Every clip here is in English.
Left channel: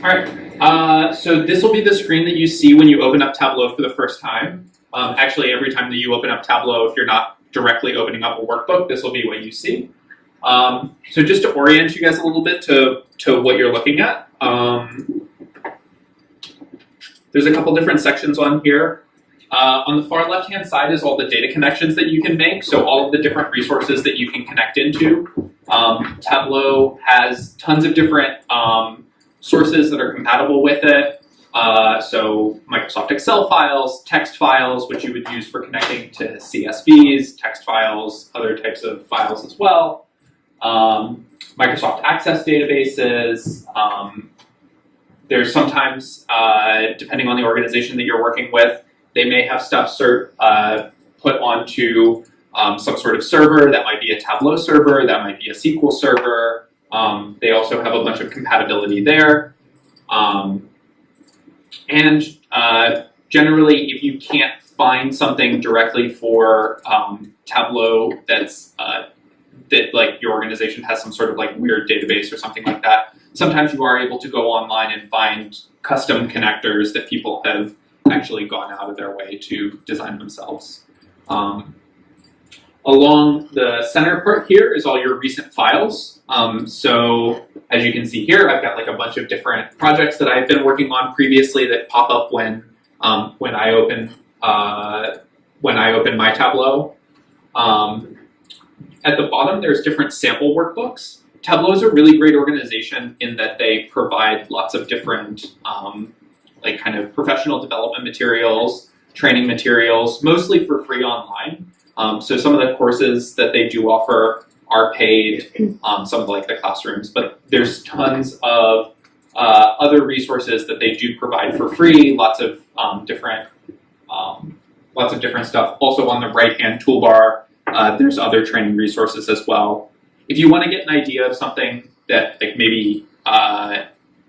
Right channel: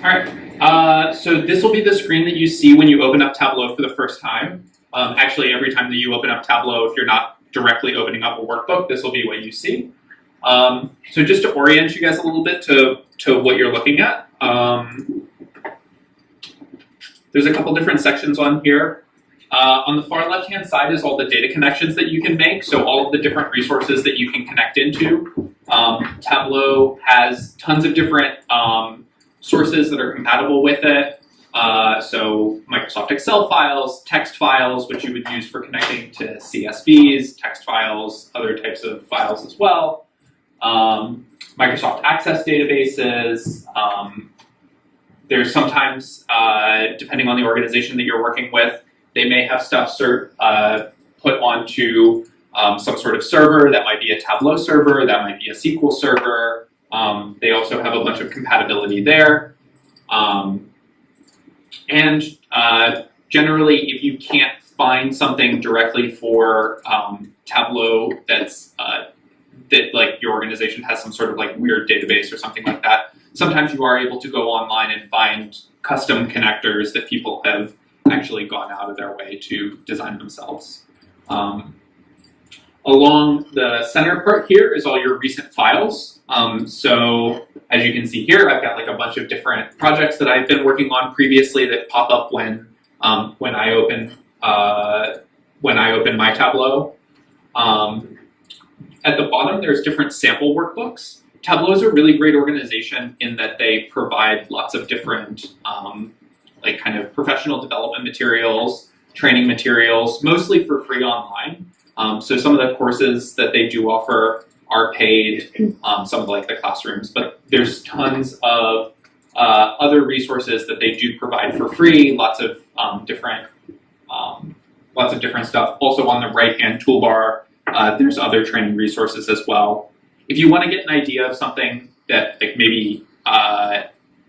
All right, so this will be the screen that you see when you open up Tableau for the first time. Actually, every time that you open up Tableau, if you're not directly opening up a workbook, this will be what you see. So just to orient you guys a little bit to what you're looking at, there's a couple different sections on here. On the far left-hand side is all the data connections that you can make, so all of the different resources that you can connect into. Tableau has tons of different sources that are compatible with it. So Microsoft Excel files, text files, which you would use for connecting to CSVs, text files, other types of files as well. Microsoft Access databases. There's sometimes, depending on the organization that you're working with, they may have stuff put onto some sort of server. That might be a Tableau server, that might be a SQL server. They also have a bunch of compatibility there. And generally, if you can't find something directly for Tableau that like your organization has some sort of like weird database or something like that, sometimes you are able to go online and find custom connectors that people have actually gone out of their way to design themselves. Along the center part here is all your recent files. So as you can see here, I've got like a bunch of different projects that I've been working on previously that pop up when I open my Tableau. At the bottom, there's different sample workbooks. Tableau is a really great organization in that they provide lots of different like kind of professional development materials, training materials, mostly for free online. So some of the courses that they do offer are paid, some of like the classrooms, but there's tons of other resources that they do provide for free, lots of different stuff. Also on the right-hand toolbar, there's other training resources as well. If you want to get an idea of something that like maybe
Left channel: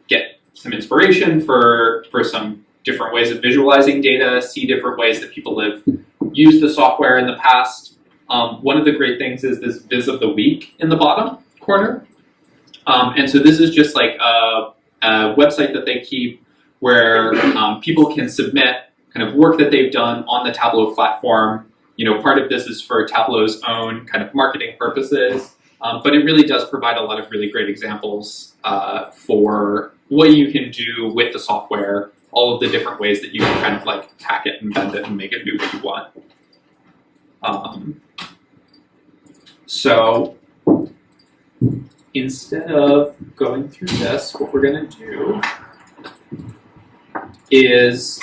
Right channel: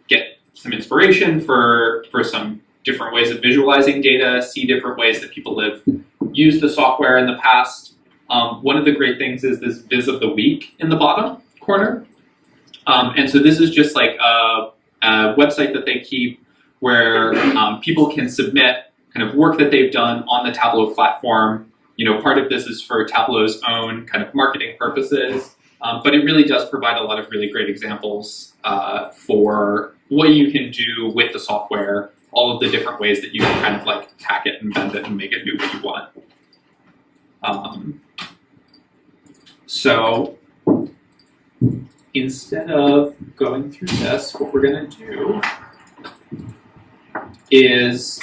get some inspiration for some different ways of visualizing data, see different ways that people have used the software in the past. One of the great things is this Viz of the Week in the bottom corner. And so this is just like a website that they keep where people can submit kind of work that they've done on the Tableau platform. You know, part of this is for Tableau's own kind of marketing purposes, but it really does provide a lot of really great examples for what you can do with the software, all of the different ways that you can kind of like hack it and bend it and make it do what you want. So instead of going through this, what we're going to do is,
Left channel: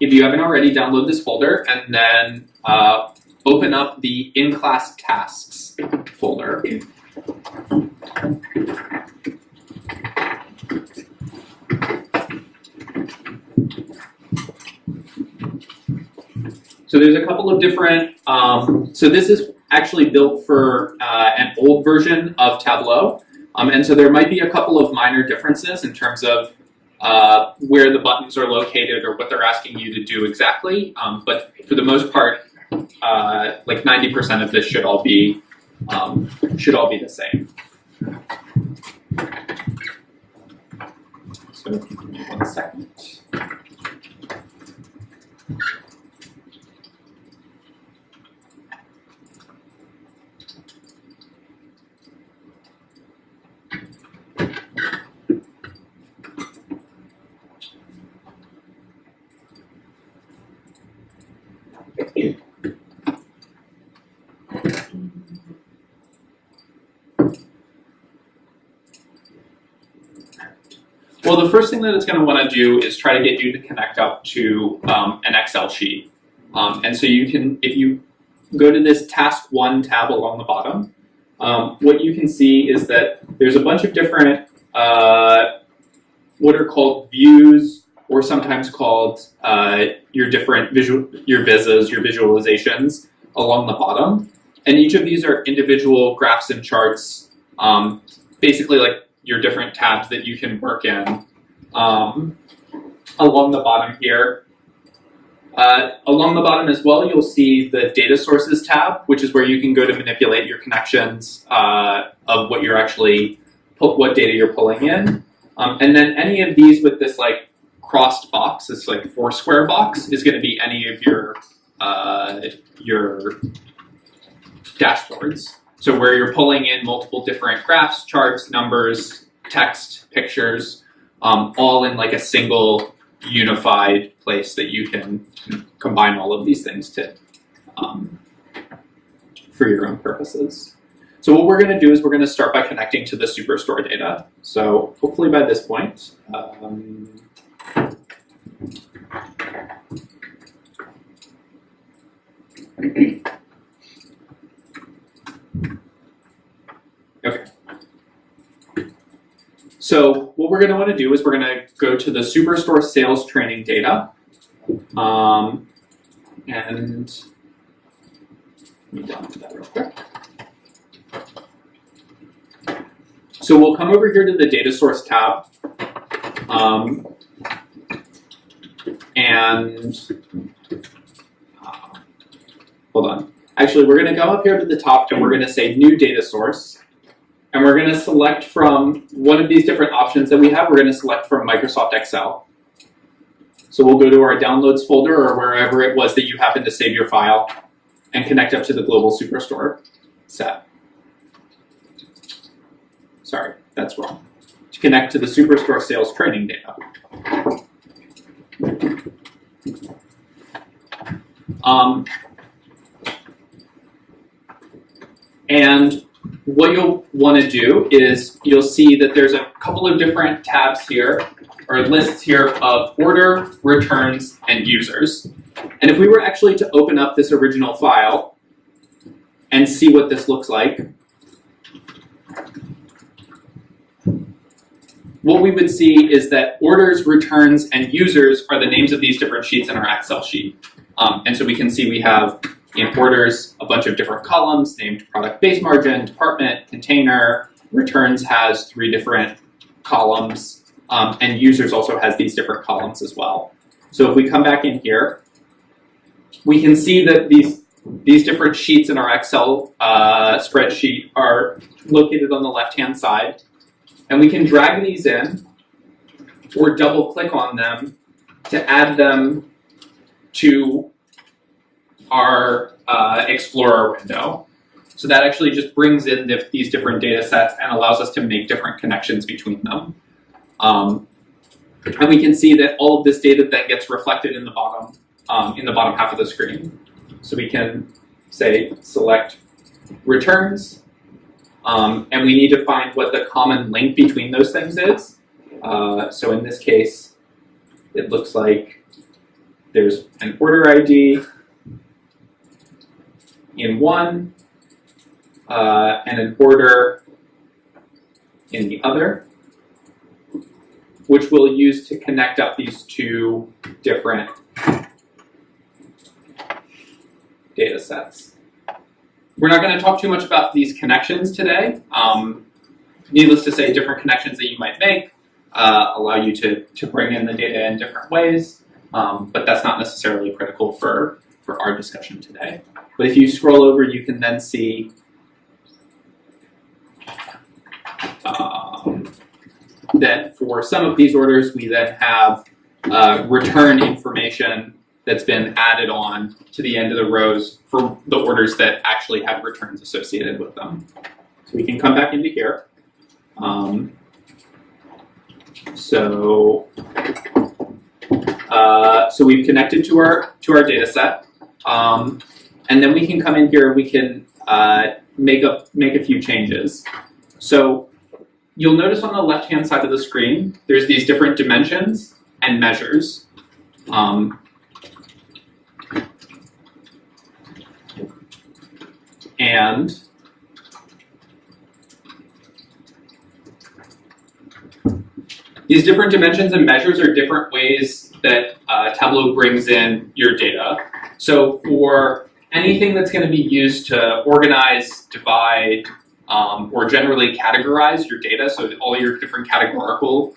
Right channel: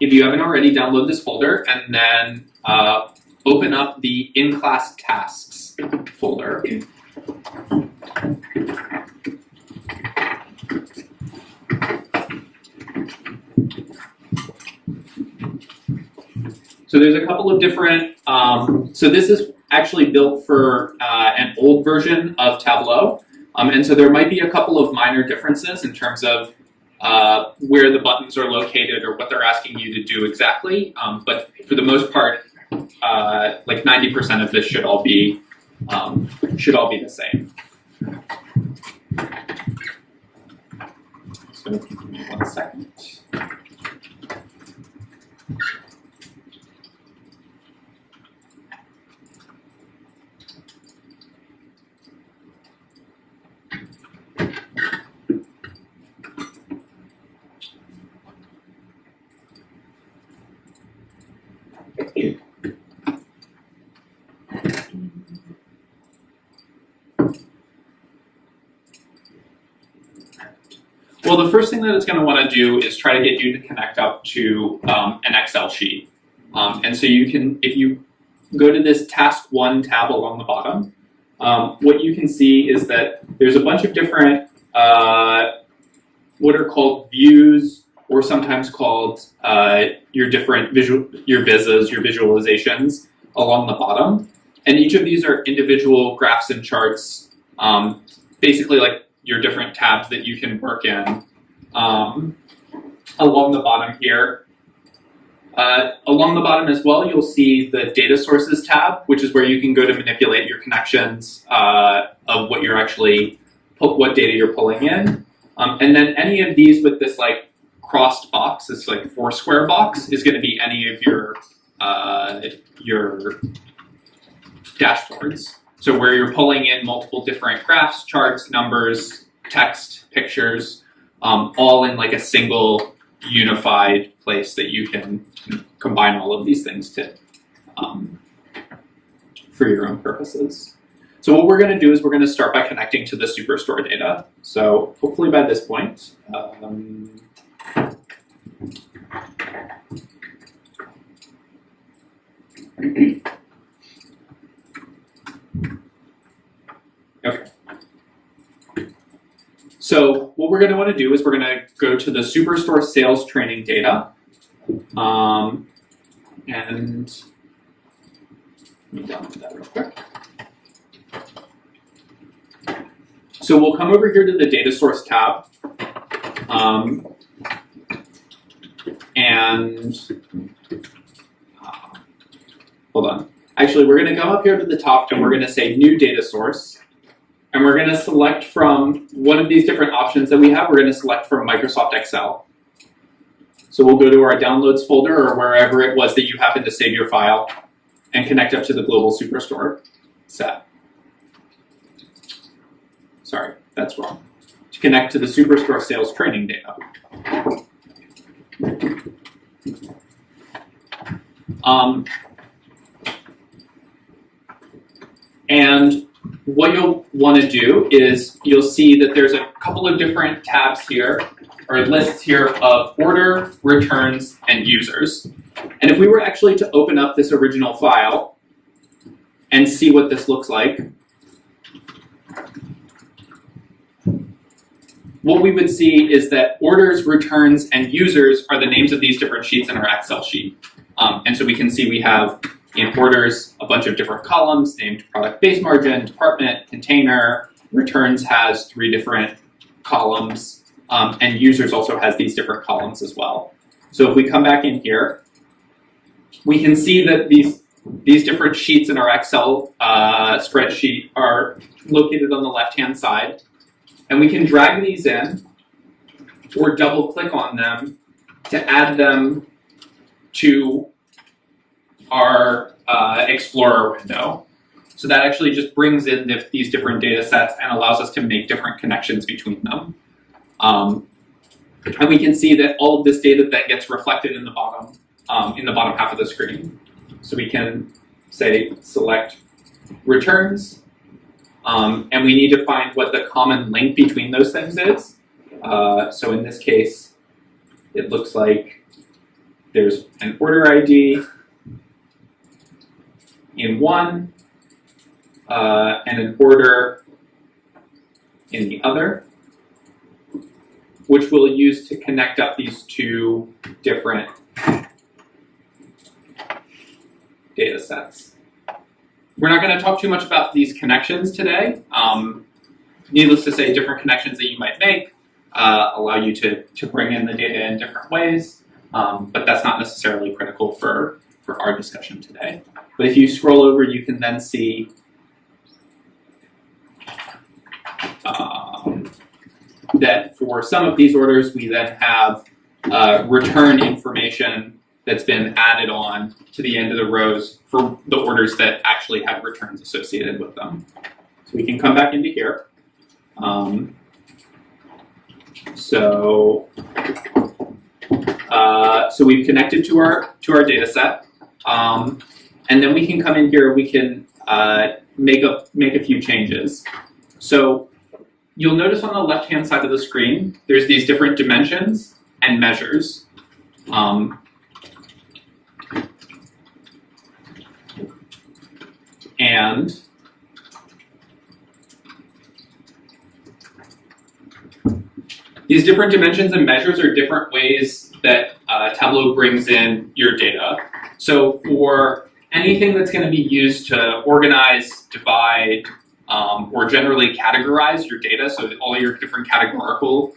if you haven't already, download this folder and then open up the in-class tasks folder. So there's a couple of different, so this is actually built for an old version of Tableau. And so there might be a couple of minor differences in terms of where the buttons are located or what they're asking you to do exactly. But for the most part, like 90% of this should all be the same. So give me 1 second. Well, the first thing that it's going to want to do is try to get you to connect up to an Excel sheet. And so you can, if you go to this Task 1 tab along the bottom, what you can see is that there's a bunch of different, what are called views, or sometimes called your different your vizzes, your visualizations along the bottom. And each of these are individual graphs and charts, basically like your different tabs that you can work in. Along the bottom here, Along the bottom as well, you'll see the data sources tab, which is where you can go to manipulate your connections of what you're actually, what data you're pulling in. And then any of these with this like crossed box, this like 4 square box, is going to be any of your dashboards. So where you're pulling in multiple different graphs, charts, numbers, text, pictures, all in like a single unified place that you can combine all of these things to for your own purposes. So what we're going to do is we're going to start by connecting to the Superstore data. So hopefully by this point, okay. So what we're going to want to do is we're going to go to the Superstore sales training data. And let me download that real quick. So we'll come over here to the data source tab. Hold on. Actually, we're going to come up here to the top and we're going to say new data source. And we're going to select from one of these different options that we have. We're going to select from Microsoft Excel. So we'll go to our downloads folder or wherever it was that you happen to save your file and connect up to the global Superstore set. Sorry, that's wrong. To connect to the Superstore sales training data. And what you'll want to do is you'll see that there's a couple of different tabs here, or lists here of order, returns, and users. And if we were actually to open up this original file and see what this looks like, what we would see is that orders, returns, and users are the names of these different sheets in our Excel sheet. And so we can see we have in orders a bunch of different columns named product base margin, department, container. Returns has 3 different columns, and users also has these different columns as well. So if we come back in here, we can see that these different sheets in our Excel spreadsheet are located on the left-hand side. And we can drag these in or double click on them to add them to our Explorer window. So that actually just brings in these different data sets and allows us to make different connections between them. And we can see that all of this data that gets reflected in the bottom half of the screen. So we can say select returns. And we need to find what the common link between those things is. So in this case, it looks like there's an order ID in one, and an order in the other, which we'll use to connect up these 2 different data sets. We're not going to talk too much about these connections today. Needless to say, different connections that you might make allow you to bring in the data in different ways, but that's not necessarily critical for our discussion today. But if you scroll over, you can then see that for some of these orders, we then have return information that's been added on to the end of the rows for the orders that actually had returns associated with them. So we can come back into here. So we've connected to our data set, and then we can come in here. We can make a few changes. So you'll notice on the left-hand side of the screen, there's these different dimensions and measures. And these different dimensions and measures are different ways that Tableau brings in your data. So for anything that's going to be used to organize, divide, or generally categorize your data, so all your different categorical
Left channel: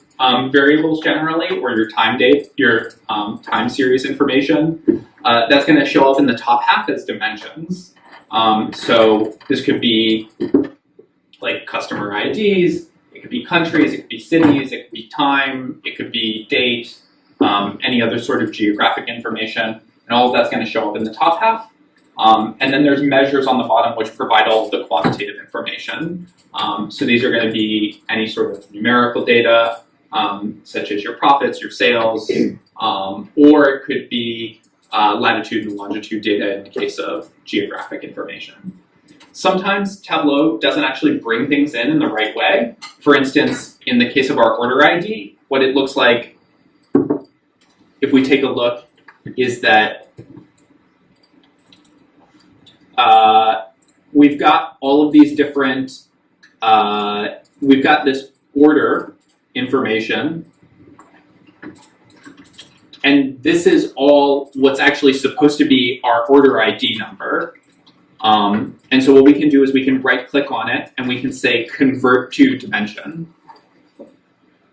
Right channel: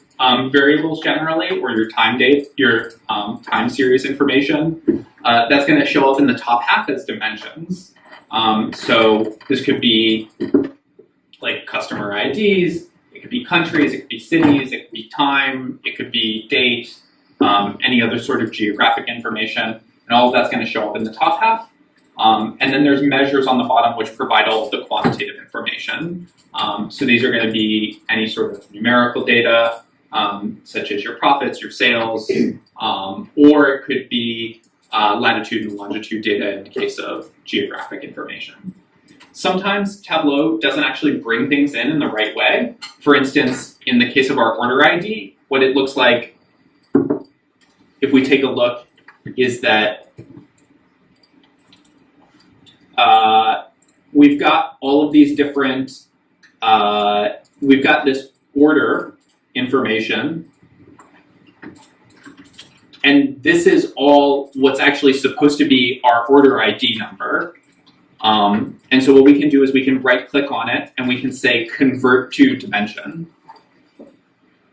variables generally, or your time date, your time series information. That's going to show up in the top half as dimensions. So this could be like customer IDs, it could be countries, it could be cities, it could be time, it could be date, any other sort of geographic information, and all of that's going to show up in the top half. And then there's measures on the bottom which provide all of the quantitative information. So these are going to be any sort of numerical data, such as your profits, your sales, or it could be latitude and longitude data in the case of geographic information. Sometimes Tableau doesn't actually bring things in the right way. For instance, in the case of our order ID, what it looks like, if we take a look, is that we've got all of these different, we've got this order information, and this is all what's actually supposed to be our order ID number. And so what we can do is we can right-click on it, and we can say convert to dimension.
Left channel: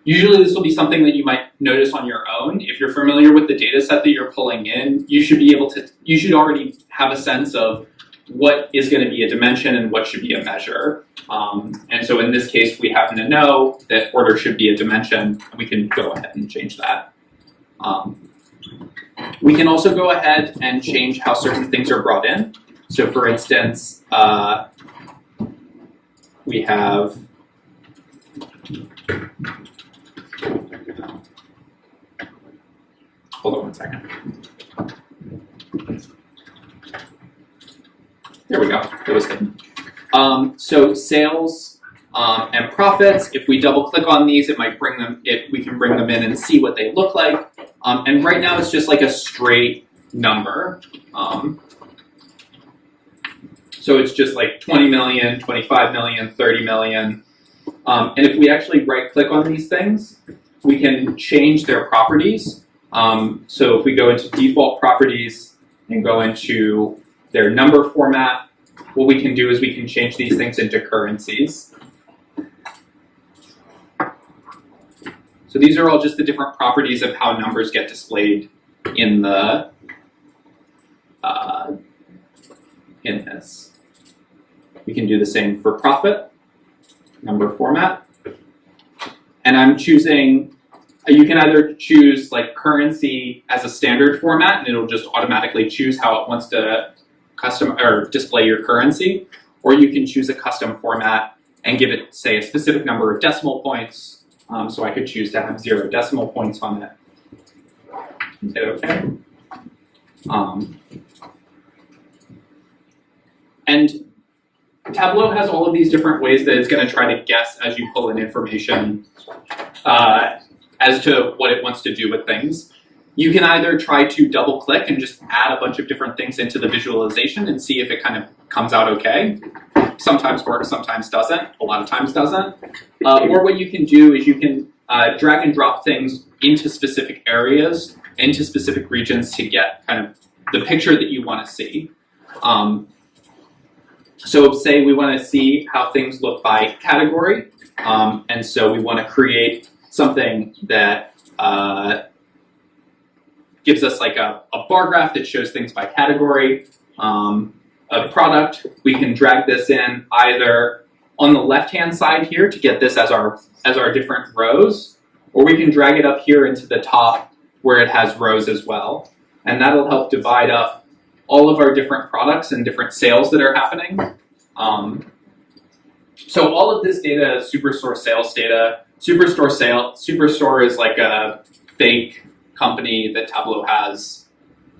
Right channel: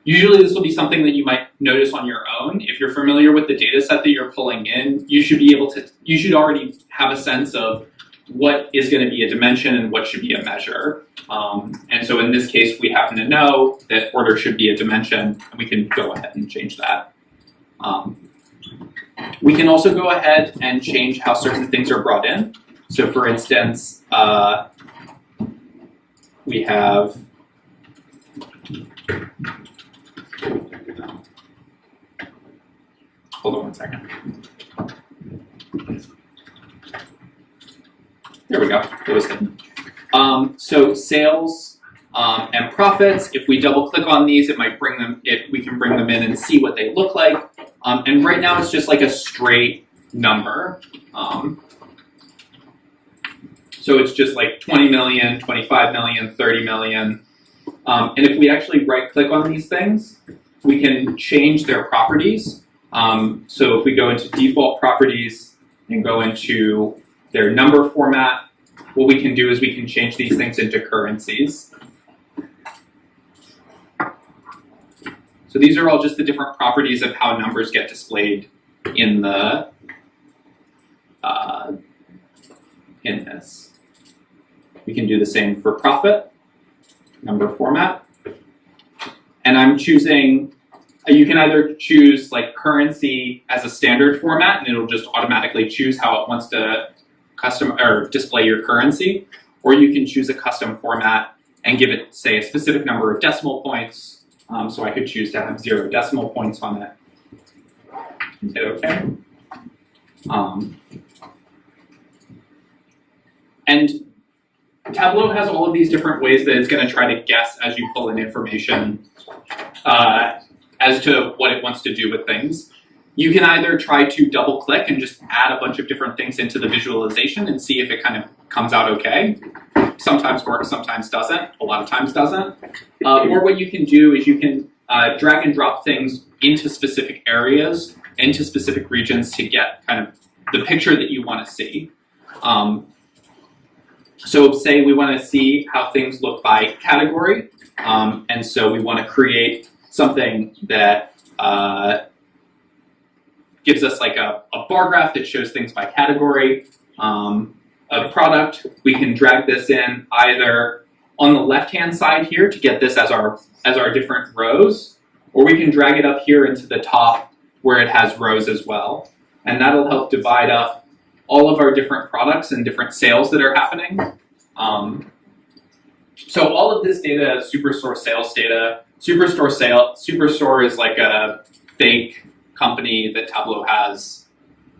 Usually this will be something that you might notice on your own. If you're familiar with the data set that you're pulling in, you should be able to, you should already have a sense of what is going to be a dimension and what should be a measure. And so in this case, we happen to know that order should be a dimension, and we can go ahead and change that. We can also go ahead and change how certain things are brought in. So for instance, we have hold on one second. There we go. That was hidden. So sales and profits. If we double click on these, it might bring them. We can bring them in and see what they look like. And right now, it's just like a straight number. So it's just like 20 million, 25 million, 30 million. And if we actually right-click on these things, we can change their properties. So if we go into default properties and go into their number format, what we can do is we can change these things into currencies. So these are all just the different properties of how numbers get displayed in the in this. We can do the same for profit, number format. And I'm choosing, you can either choose like currency as a standard format, and it'll just automatically choose how it wants to custom or display your currency, or you can choose a custom format and give it, say, a specific number of decimal points. So I could choose to have 0 decimal points on it. And say OK. And Tableau has all of these different ways that it's going to try to guess as you pull in information as to what it wants to do with things. You can either try to double click and just add a bunch of different things into the visualization and see if it kind of comes out okay. Sometimes works, sometimes doesn't, a lot of times doesn't. Or what you can do is you can drag and drop things into specific areas, into specific regions to get kind of the picture that you want to see. So say we want to see how things look by category, and so we want to create something that gives us like a bar graph that shows things by category of product. We can drag this in either on the left-hand side here to get this as our different rows, or we can drag it up here into the top where it has rows as well. And that'll help divide up all of our different products and different sales that are happening. So all of this data is Superstore sales data. Superstore is like a fake company that Tableau has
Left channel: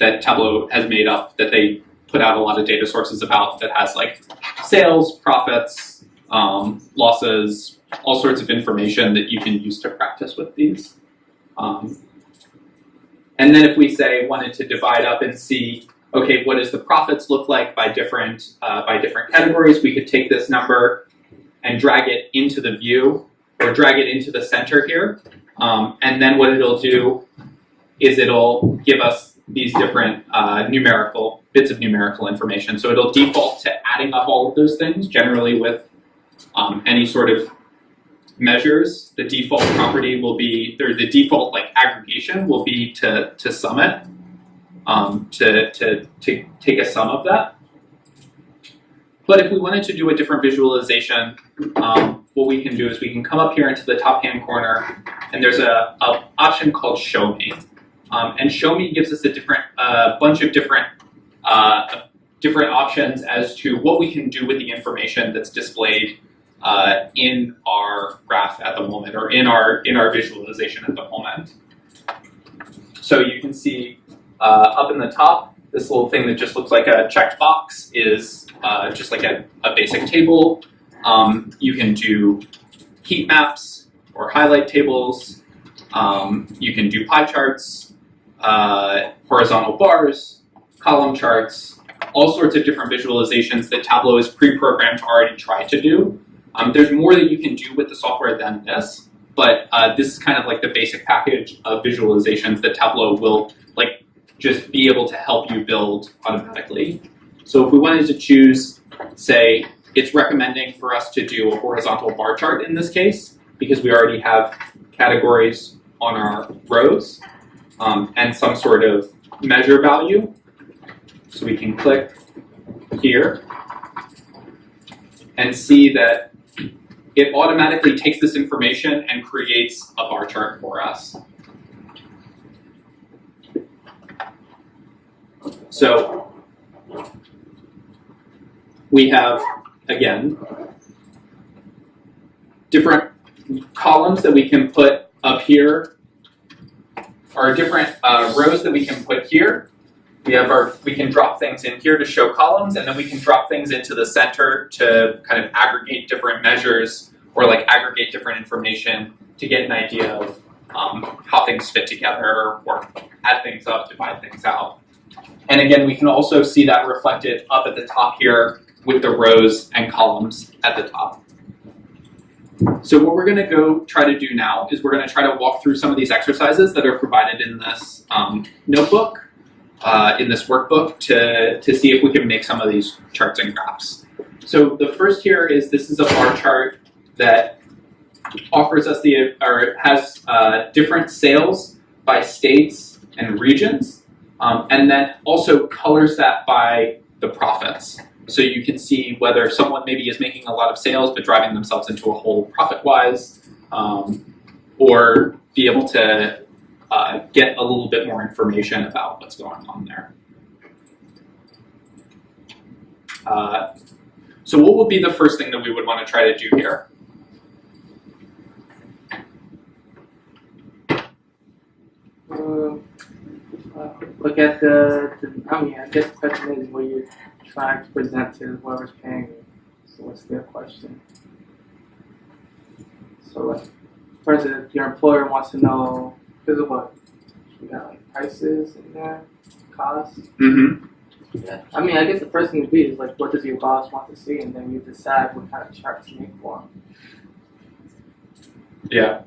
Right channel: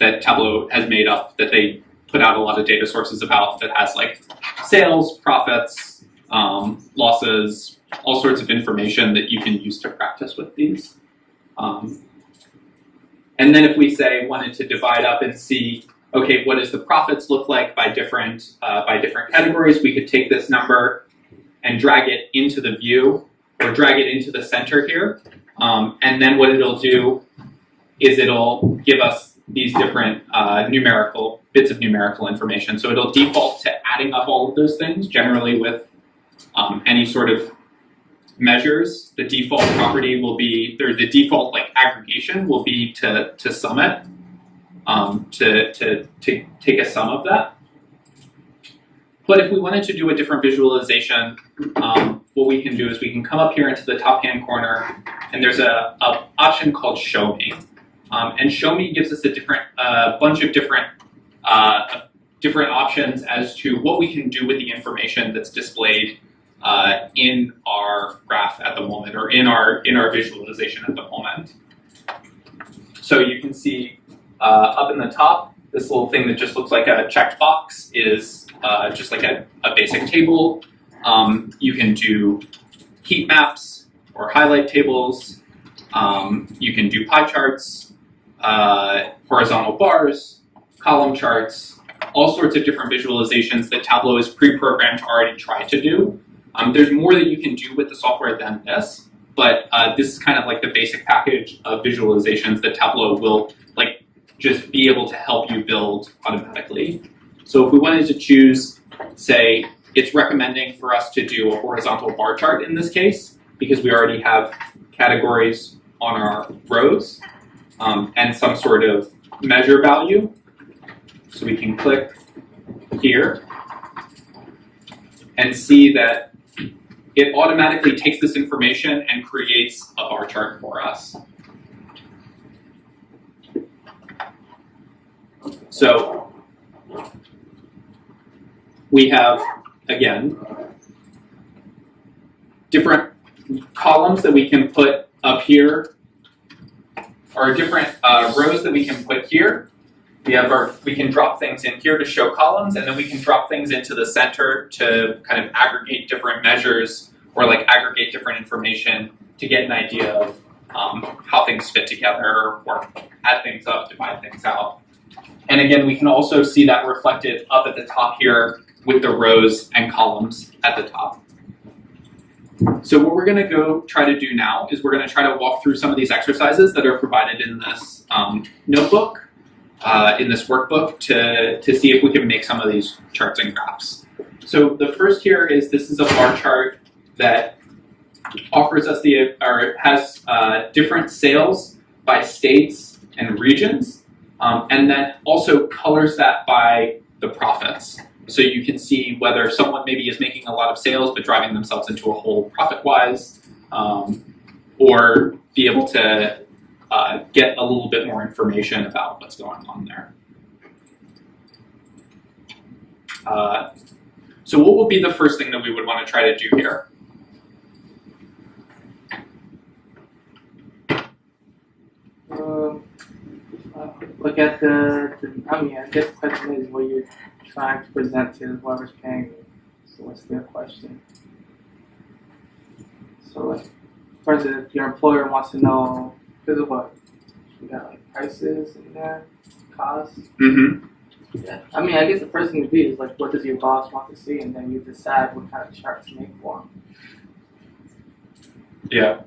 made up, that they put out a lot of data sources about, that has like sales, profits, losses, all sorts of information that you can use to practice with these. And then if we say wanted to divide up and see, okay, what does the profits look like by different categories, we could take this number and drag it into the view or drag it into the center here. And then what it'll do is it'll give us these different bits of numerical information. So it'll default to adding up all of those things, generally with any sort of measures, the default property will be, or the default like aggregation will be to sum it, to take a sum of that. But if we wanted to do a different visualization, what we can do is we can come up here into the top hand corner, and there's a option called Show Me. And Show Me gives us a bunch of different options as to what we can do with the information that's displayed in our graph at the moment, or in our visualization at the moment. So you can see up in the top, this little thing that just looks like a checked box is just like a basic table. You can do heat maps or highlight tables. You can do pie charts, horizontal bars, column charts, all sorts of different visualizations that Tableau is pre-programmed to already try to do. There's more that you can do with the software than this, but this is kind of like the basic package of visualizations that Tableau will like just be able to help you build automatically. So if we wanted to choose, say, it's recommending for us to do a horizontal bar chart in this case, because we already have categories on our rows and some sort of measure value. So we can click here and see that it automatically takes this information and creates a bar chart for us. So we have, again, different columns that we can put up here, or different rows that we can put here. We can drop things in here to show columns, and then we can drop things into the center to kind of aggregate different measures or like aggregate different information to get an idea of how things fit together, or add things up, divide things out. And again, we can also see that reflected up at the top here with the rows and columns at the top. So what we're going to go try to do now is we're going to try to walk through some of these exercises that are provided in this notebook, in this workbook, to see if we can make some of these charts and graphs. So the first here is, this is a bar chart that offers us has different sales by states and regions, and then also colors that by the profits. So you can see whether someone maybe is making a lot of sales but driving themselves into a hole profit-wise, or be able to get a little bit more information about what's going on there. So what would be the first thing that we would want to try to do here? Look at I guess the question is what you're trying to present to whoever's paying you. So what's their question? So like, for instance, if your employer wants to know, because of what? You got like prices and that, costs? Mm-hmm. Yeah. I guess the first thing to be is like, what does your boss want to see? And then you decide what kind of chart to make for him. Yeah.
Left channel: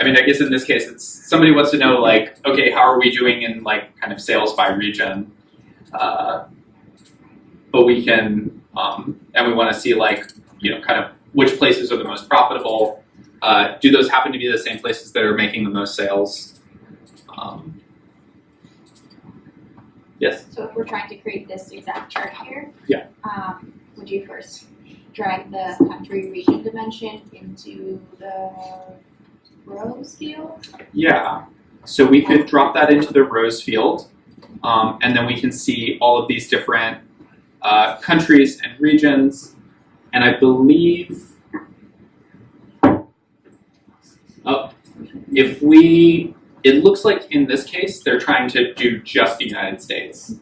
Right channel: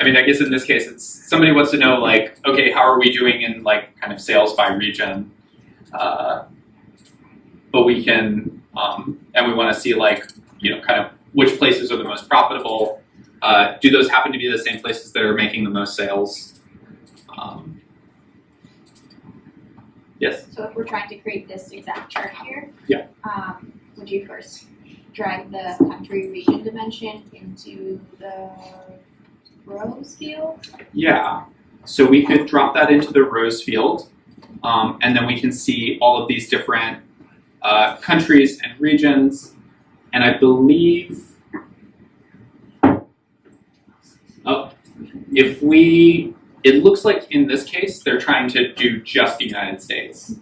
I guess in this case, it's somebody wants to know, like, okay, how are we doing in like kind of sales by region? But we can, and we want to see like, kind of which places are the most profitable. Do those happen to be the same places that are making the most sales? Yes? So if we're trying to create this exact chart here, yeah. Would you first drag the country region dimension into the rows field? Yeah. So we could drop that into the rows field, and then we can see all of these different countries and regions. And I believe, it looks like in this case, they're trying to do just the United States.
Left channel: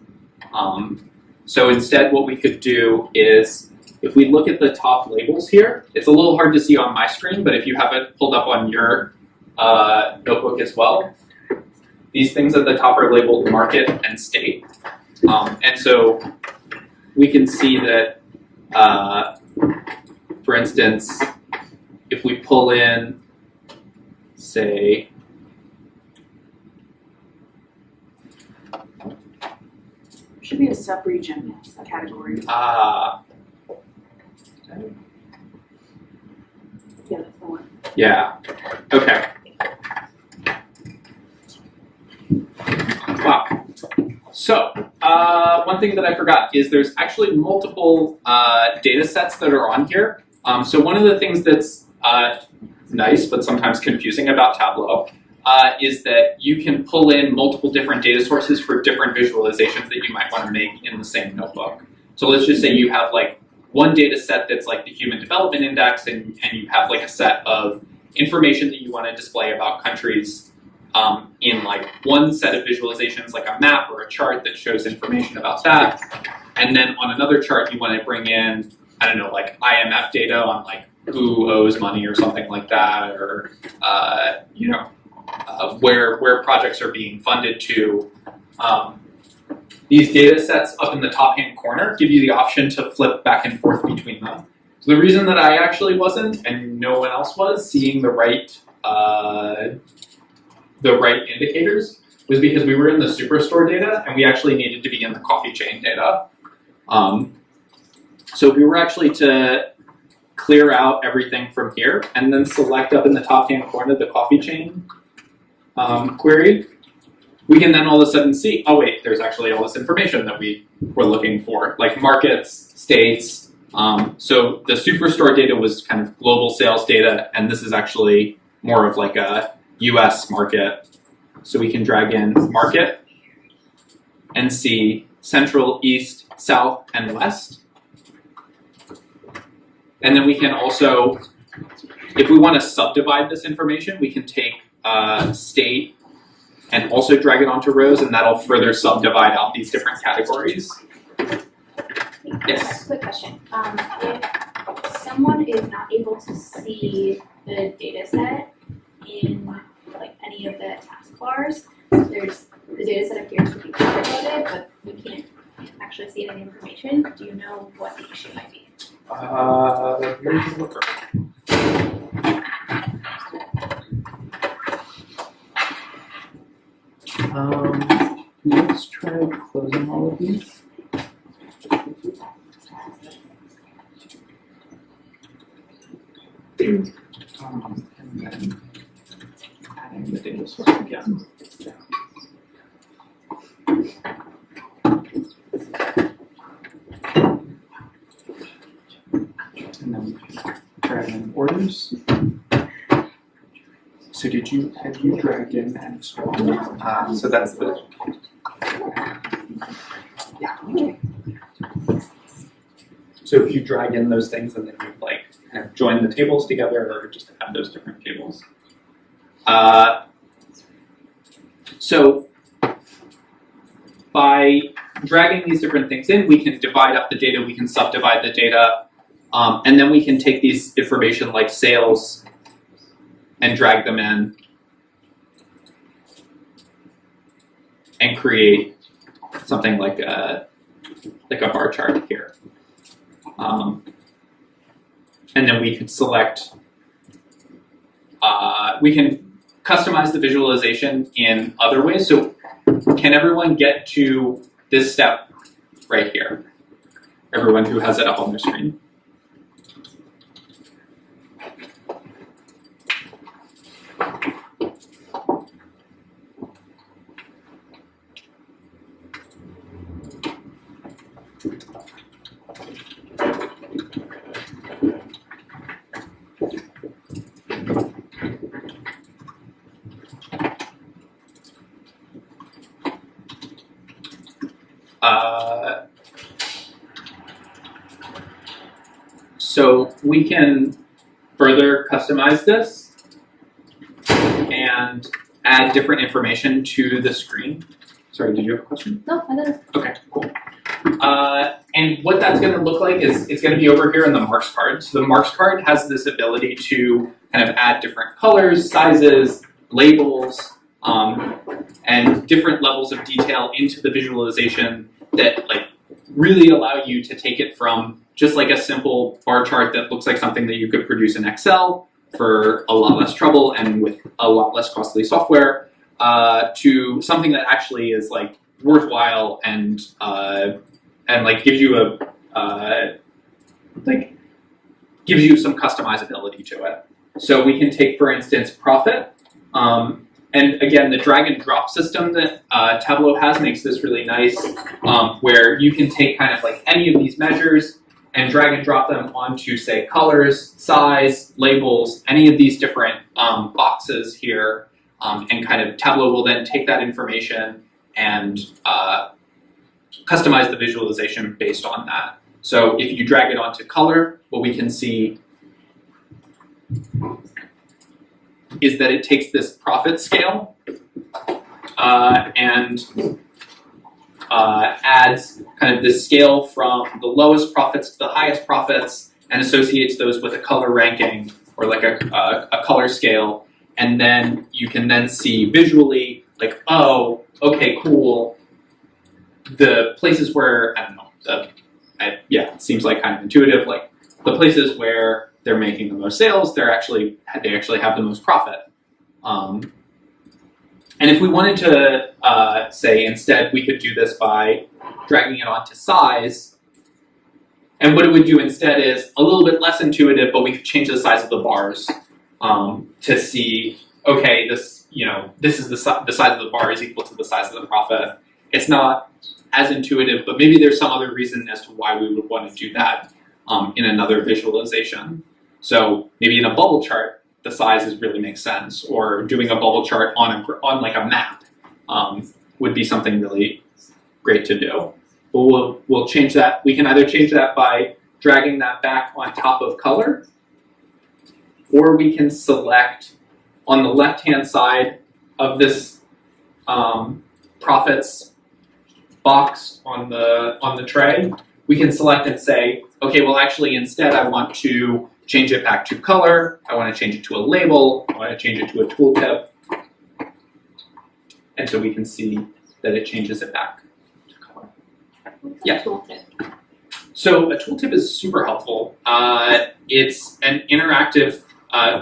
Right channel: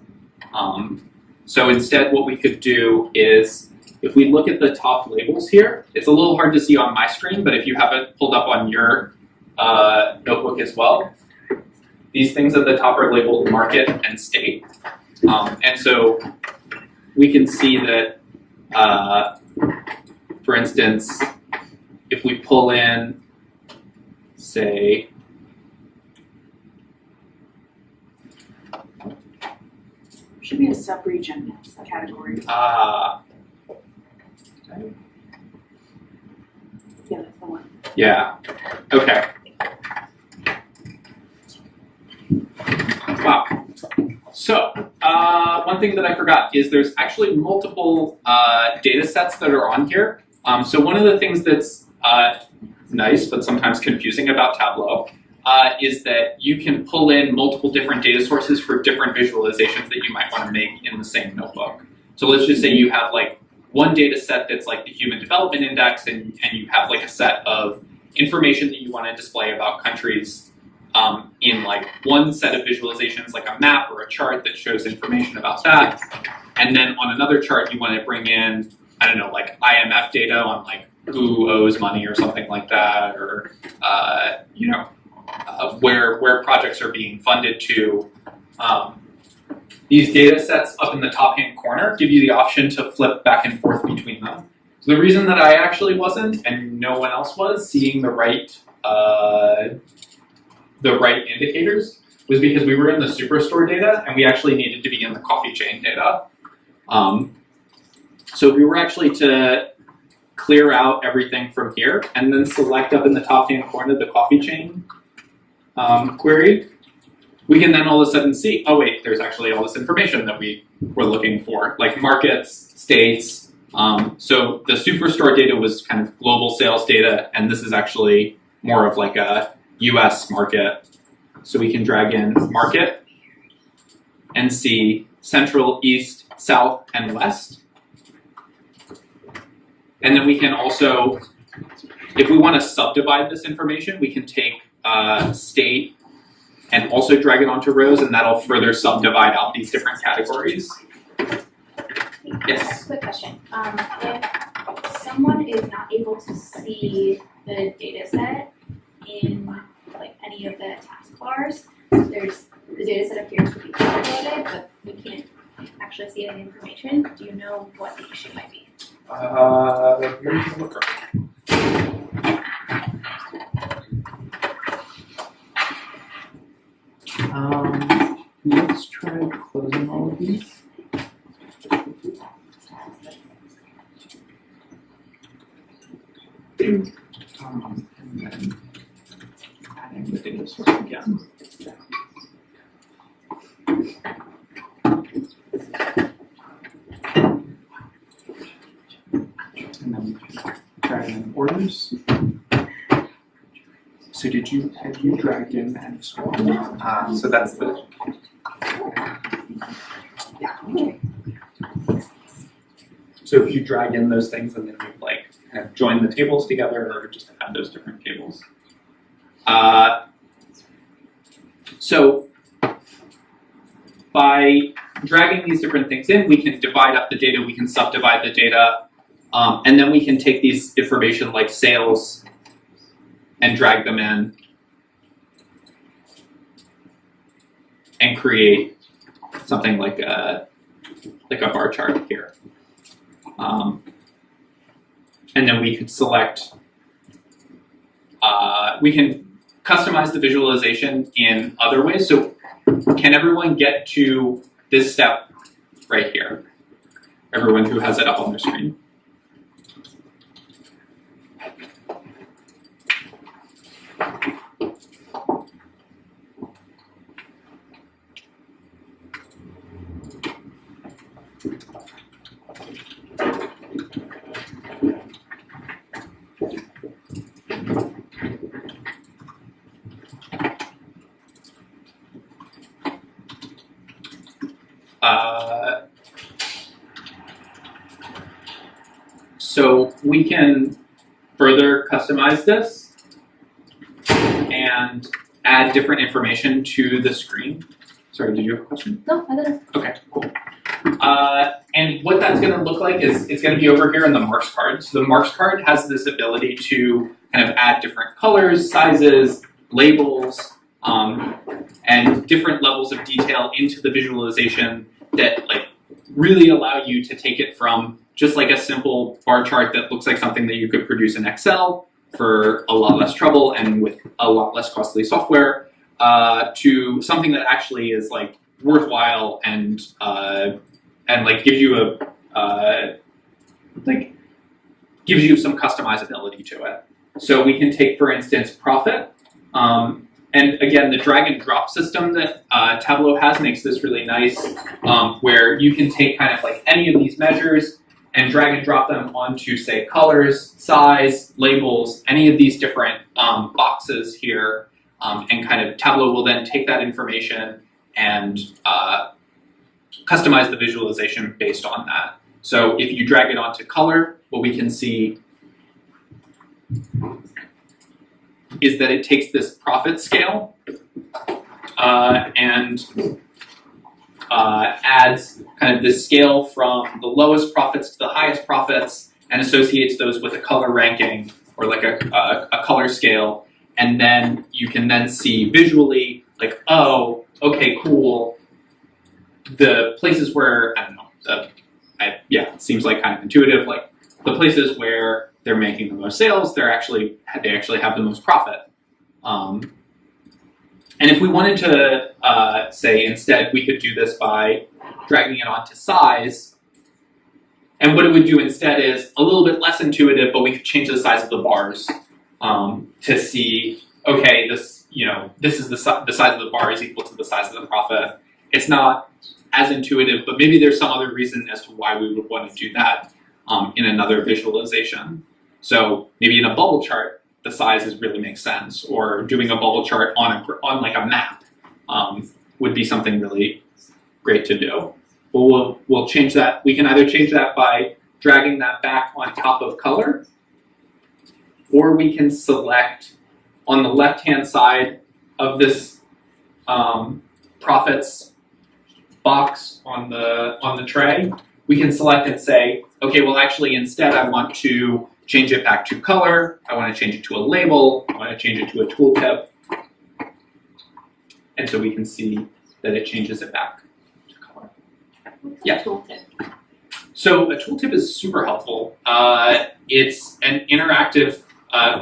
So instead what we could do is, if we look at the top labels here, it's a little hard to see on my screen, but if you have it pulled up on your notebook as well, these things at the top are labeled market and state. And so we can see that, for instance, if we pull in, say, Should be a sub-region category. Yeah, that's the one. Yeah. Okay. Wow. So, one thing that I forgot is there's actually multiple data sets that are on here. So one of the things that's nice but sometimes confusing about Tableau is that you can pull in multiple different data sources for different visualizations that you might want to make in the same notebook. So let's just say you have like one data set that's like the Human Development Index, and you have like a set of information that you want to display about countries in like one set of visualizations, like a map or a chart that shows information about that. And then on another chart, you want to bring in, I don't know, like IMF data on like who owes money or something like that, or where projects are being funded to. These data sets up in the top hand corner give you the option to flip back and forth between them. So the reason that I actually wasn't, and no one else was, seeing the right indicators was because we were in the Superstore data and we actually needed to be in the coffee chain data. So if we were actually to clear out everything from here and then select up in the top hand corner the coffee chain query, we can then all of a sudden see, oh wait, there's actually all this information that we were looking for, like markets, states. So the Superstore data was kind of global sales data, and this is actually more of like a US market. So we can drag in market and see Central, East, South, and West. And then we can also, if we want to subdivide this information, we can take state and also drag it onto rows, and that'll further subdivide out these different categories. Yes? Quick question. If someone is not able to see the data set in like any of the taskbars, there's the data set appears to be uploaded, but we can't actually see any information. Do you know what the issue might be? Let me take a look. Let's try closing all of these. And then adding the data source again. And then drag in orders. So have you dragged in that as well? So that's the, yeah. So if you drag in those things and then you like kind of join the tables together or just add those different tables. So by dragging these different things in, we can divide up the data, we can subdivide the data, and then we can take these information like sales and drag them in and create something like a bar chart here. And then we could select, we can customize the visualization in other ways. So can everyone get to this step right here? Everyone who has it up on their screen. So we can further customize this and add different information to the screen. Sorry, did you have a question? No, I don't know. Okay, cool. And what that's going to look like is it's going to be over here in the marks card. So the marks card has this ability to kind of add different colors, sizes, labels, and different levels of detail into the visualization that like really allow you to take it from just like a simple bar chart that looks like something that you could produce in Excel for a lot less trouble and with a lot less costly software, to something that actually is like worthwhile and like gives you gives you some customizability to it. So we can take, for instance, profit. And again, the drag and drop system that Tableau has makes this really nice, where you can take kind of like any of these measures and drag and drop them onto, say, colors, size, labels, any of these different boxes here, and kind of Tableau will then take that information and customize the visualization based on that. So if you drag it onto color, what we can see is that it takes this profit scale and adds kind of this scale from the lowest profits to the highest profits and associates those with a color ranking or like a color scale. And then you can then see visually like, oh, okay, cool. The places where, I don't know, it seems like kind of intuitive, like the places where they're making the most sales, they actually have the most profit. And if we wanted to say instead, we could do this by dragging it onto size. And what it would do instead is a little bit less intuitive, but we could change the size of the bars to see, okay, this is the size of the bar is equal to the size of the profit. It's not as intuitive, but maybe there's some other reason as to why we would want to do that in another visualization. So maybe in a bubble chart, the sizes really make sense, or doing a bubble chart on like a map would be something really great to do. But we'll change that. We can either change that by dragging that back on top of color, or we can select on the left-hand side of this profits box on the tray. We can select and say, okay, well, actually, instead, I want to change it back to color. I want to change it to a label. I want to change it to a tooltip. And so we can see that it changes it back to color. Yeah. So a tooltip is super helpful. It's an interactive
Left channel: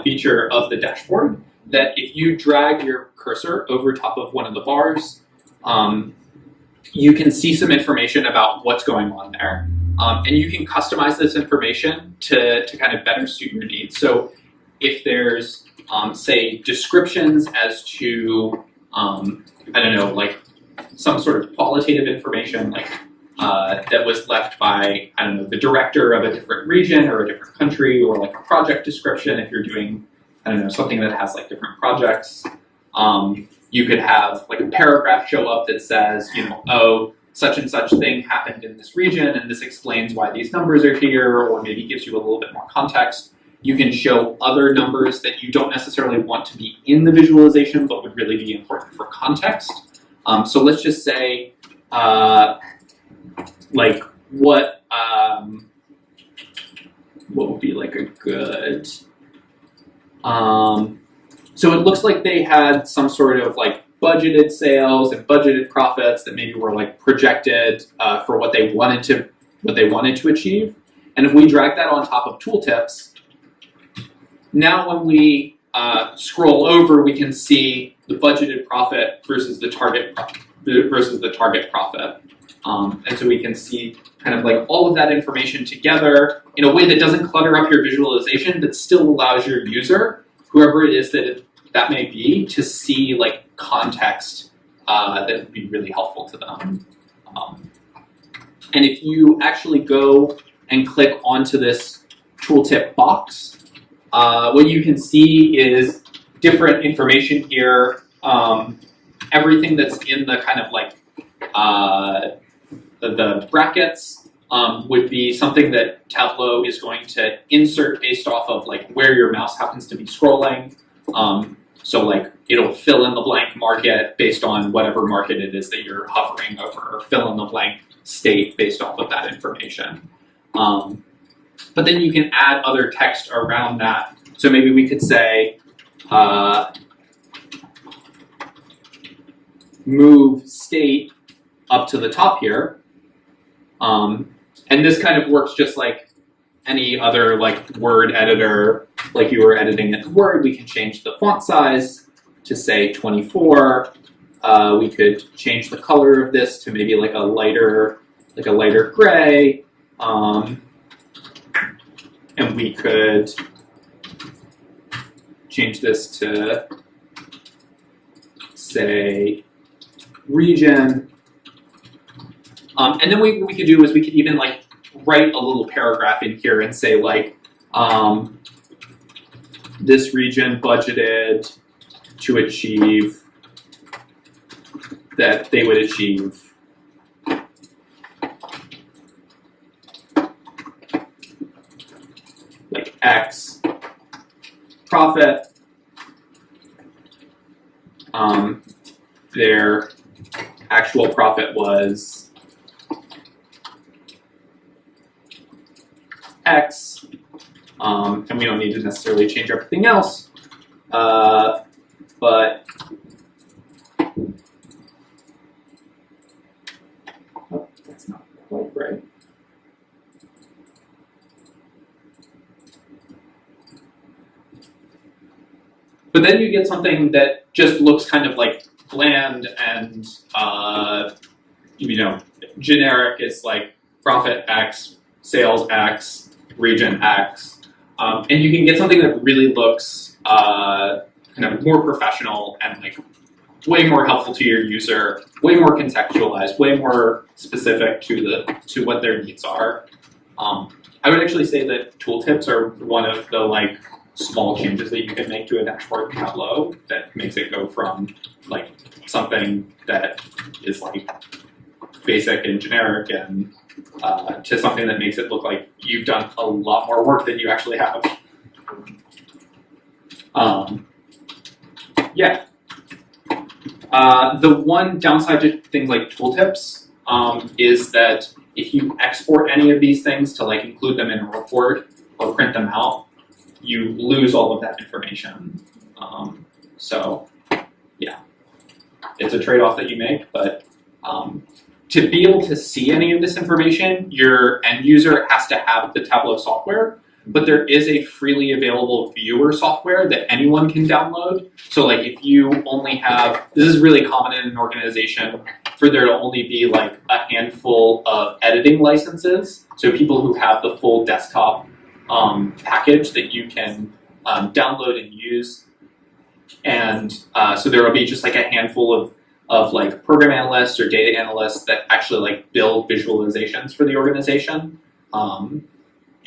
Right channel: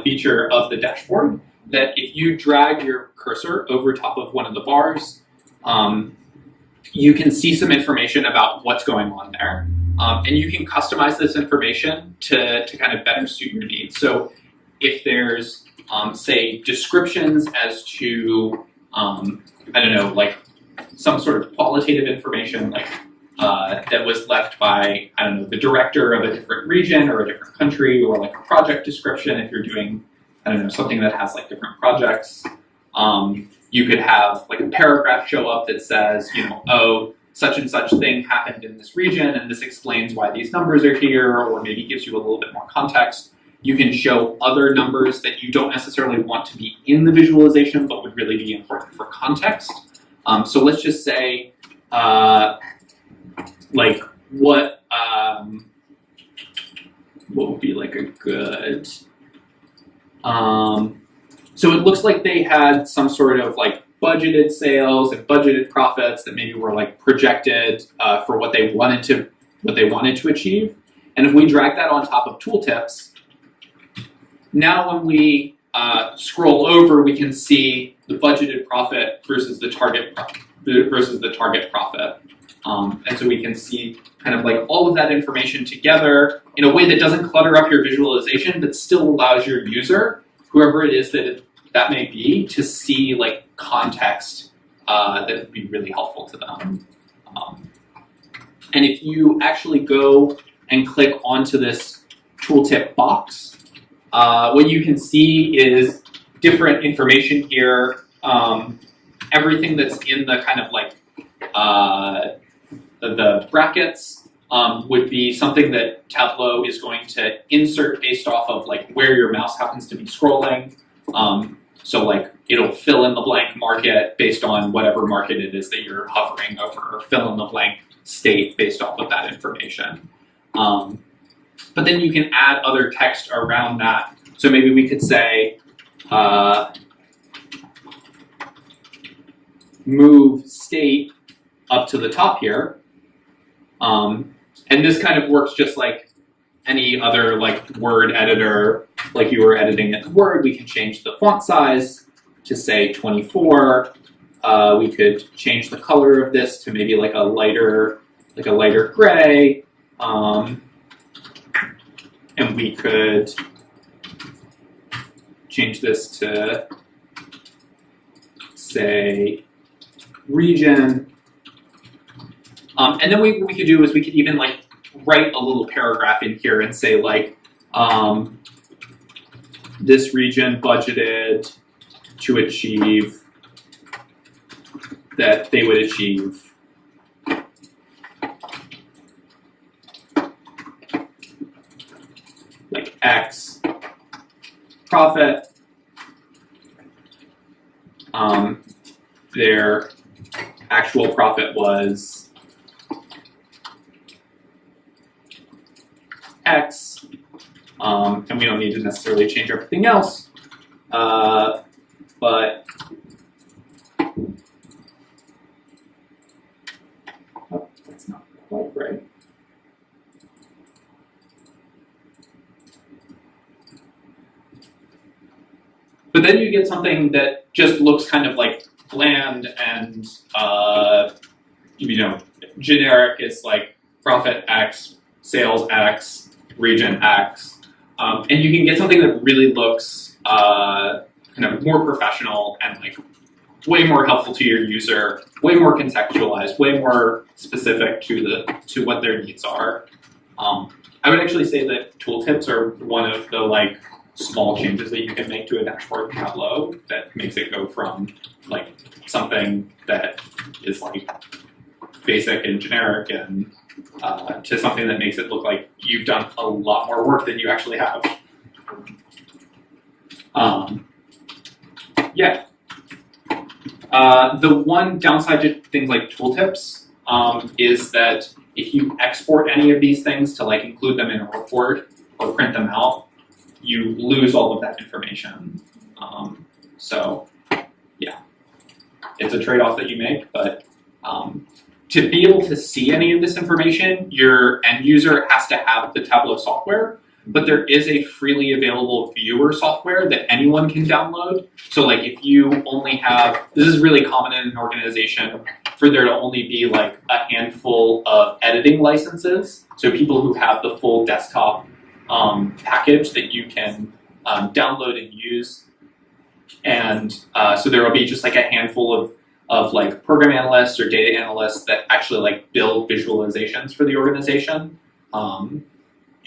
feature of the dashboard that if you drag your cursor over top of one of the bars, you can see some information about what's going on there. And you can customize this information to kind of better suit your needs. So if there's, say, descriptions as to, I don't know, like some sort of qualitative information, like that was left by, I don't know, the director of a different region or a different country, or like a project description if you're doing, I don't know, something that has like different projects. You could have like a paragraph show up that says, oh, such and such thing happened in this region, and this explains why these numbers are here, or maybe gives you a little bit more context. You can show other numbers that you don't necessarily want to be in the visualization, but would really be important for context. So let's just say, like what would be like a good, so it looks like they had some sort of like budgeted sales and budgeted profits that maybe were like projected for what they wanted to achieve. And if we drag that on top of tooltips, now when we scroll over, we can see the budgeted profit versus the target profit. And so we can see kind of like all of that information together in a way that doesn't clutter up your visualization, but still allows your user, whoever it is that may be, to see like context that would be really helpful to them. And if you actually go and click onto this tooltip box, what you can see is different information here. Everything that's in the kind of like the brackets would be something that Tableau is going to insert based off of like where your mouse happens to be scrolling. So like it'll fill in the blank market based on whatever market it is that you're hovering over, or fill in the blank state based off of that information. But then you can add other text around that. So maybe we could say, move state up to the top here. And this kind of works just like any other like word editor, like you were editing it in Word. We can change the font size to say 24. We could change the color of this to maybe like a lighter gray. And we could change this to, say, region. And then what we could do is we could even like write a little paragraph in here and say like, this region budgeted to achieve that they would achieve like X profit. Their actual profit was X, and we don't need to necessarily change everything else, but oh, that's not quite right. But then you get something that just looks kind of like bland and generic. It's like profit X, sales X, region X, and you can get something that really looks kind of more professional and like way more helpful to your user, way more contextualized, way more specific to what their needs are. I would actually say that tooltips are one of the like small changes that you can make to a dashboard in Tableau that makes it go from like something that is like basic and generic and to something that makes it look like you've done a lot more work than you actually have. The one downside to things like tooltips is that if you export any of these things to like include them in a report or print them out, you lose all of that information. So yeah, it's a trade-off that you make, but to be able to see any of this information, your end user has to have the Tableau software, but there is a freely available viewer software that anyone can download. So like if you only have, this is really common in an organization for there to only be like a handful of editing licenses. So people who have the full desktop package that you can download and use. And so there will be just like a handful of like program analysts or data analysts that actually like build visualizations for the organization.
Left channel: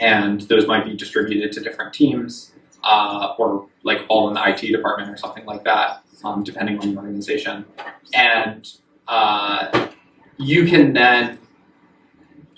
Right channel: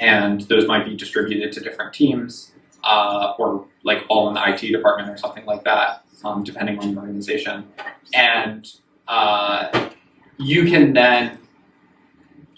And those might be distributed to different teams or like all in the IT department or something like that, depending on the organization. And you can then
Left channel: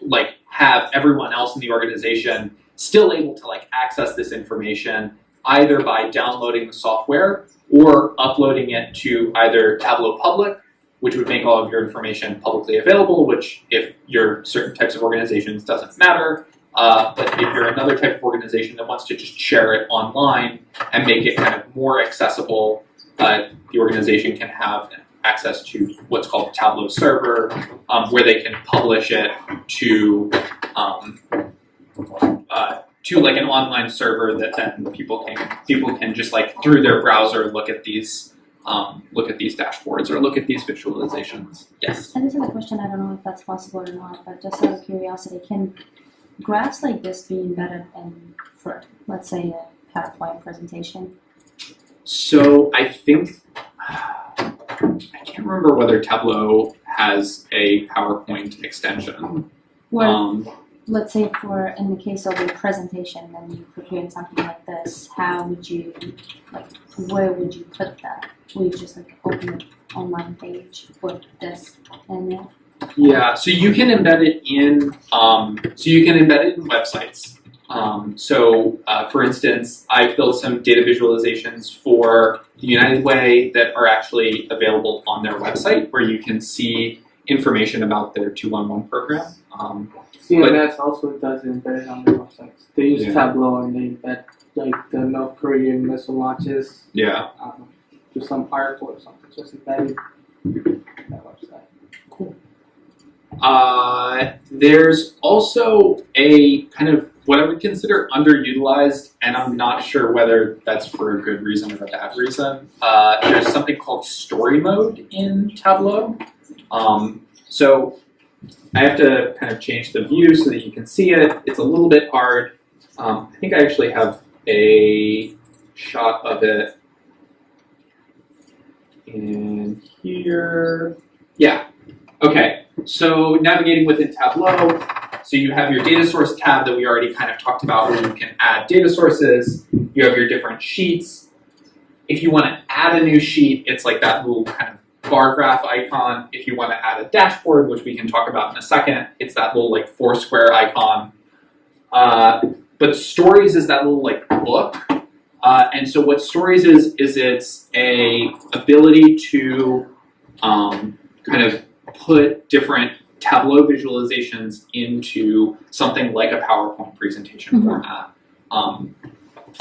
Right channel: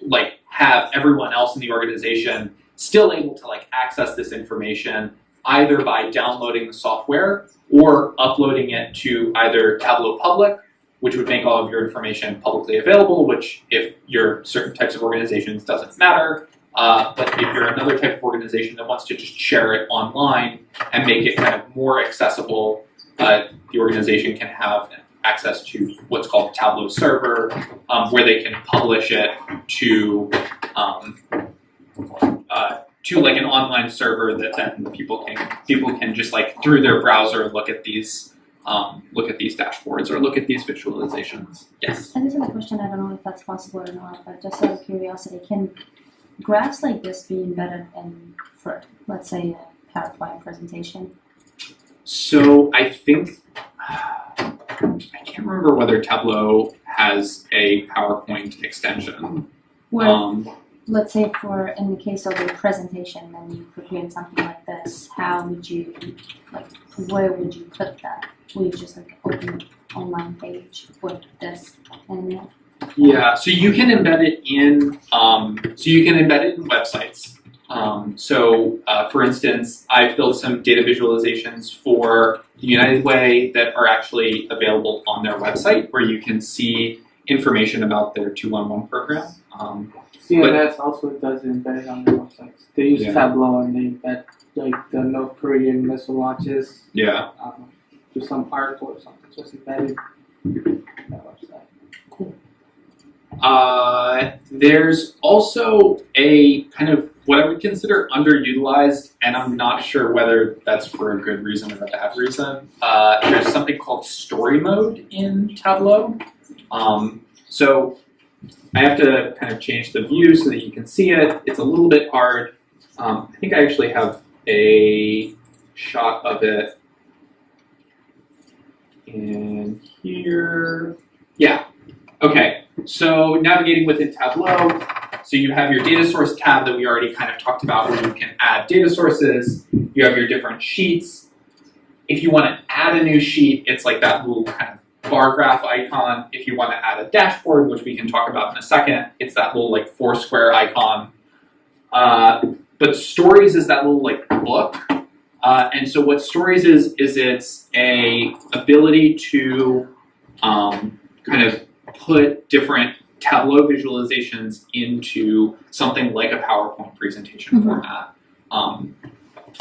like have everyone else in the organization still able to like access this information either by downloading the software or uploading it to either Tableau Public, which would make all of your information publicly available, which if you're certain types of organizations doesn't matter. But if you're another type of organization that wants to just share it online and make it kind of more accessible, the organization can have access to what's called Tableau Server, where they can publish it to like an online server that then people can just like through their browser look at these dashboards or look at these visualizations. Yes. And this is a question, I don't know if that's possible or not, but just out of curiosity, can graphs like this be embedded in, for let's say, a PowerPoint presentation? So I think I can't remember whether Tableau has a PowerPoint extension. Well, let's say in the case of a presentation, then you prepared something like this, how would you, like, where would you put that? Would you just like open an online page with this in there? Yeah, so you can embed it in websites. For instance, I've built some data visualizations for the United Way that are actually available on their website, where you can see information about their 211 program. CMS also does embed it on their websites. They use Tableau and they embed like the North Korean missile launches. Yeah. To some article or something, just embedded on that website. Cool. There's also a kind of what I would consider underutilized, and I'm not sure whether that's for a good reason or a bad reason. There's something called story mode in Tableau. So I have to kind of change the view so that you can see it. It's a little bit hard. I think I actually have a shot of it in here. Yeah. Okay. So navigating within Tableau. So you have your data source tab that we already kind of talked about where you can add data sources. You have your different sheets. If you want to add a new sheet, it's like that little kind of bar graph icon. If you want to add a dashboard, which we can talk about in a second, it's that little like 4-square icon. But Stories is that little like book. And so what Stories is it's a ability to kind of put different Tableau visualizations into something like a PowerPoint presentation format.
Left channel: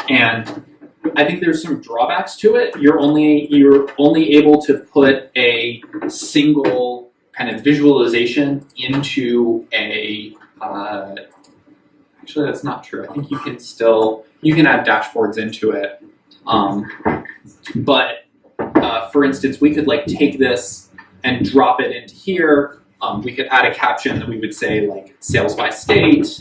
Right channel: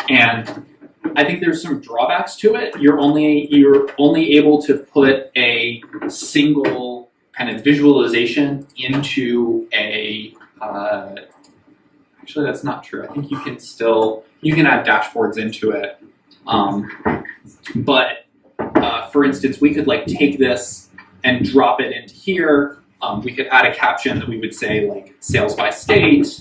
And I think there's some drawbacks to it. You're only able to put a single kind of visualization into a. Actually, that's not true. I think you can add dashboards into it. But for instance, we could like take this and drop it into here. We could add a caption that we would say like sales by state,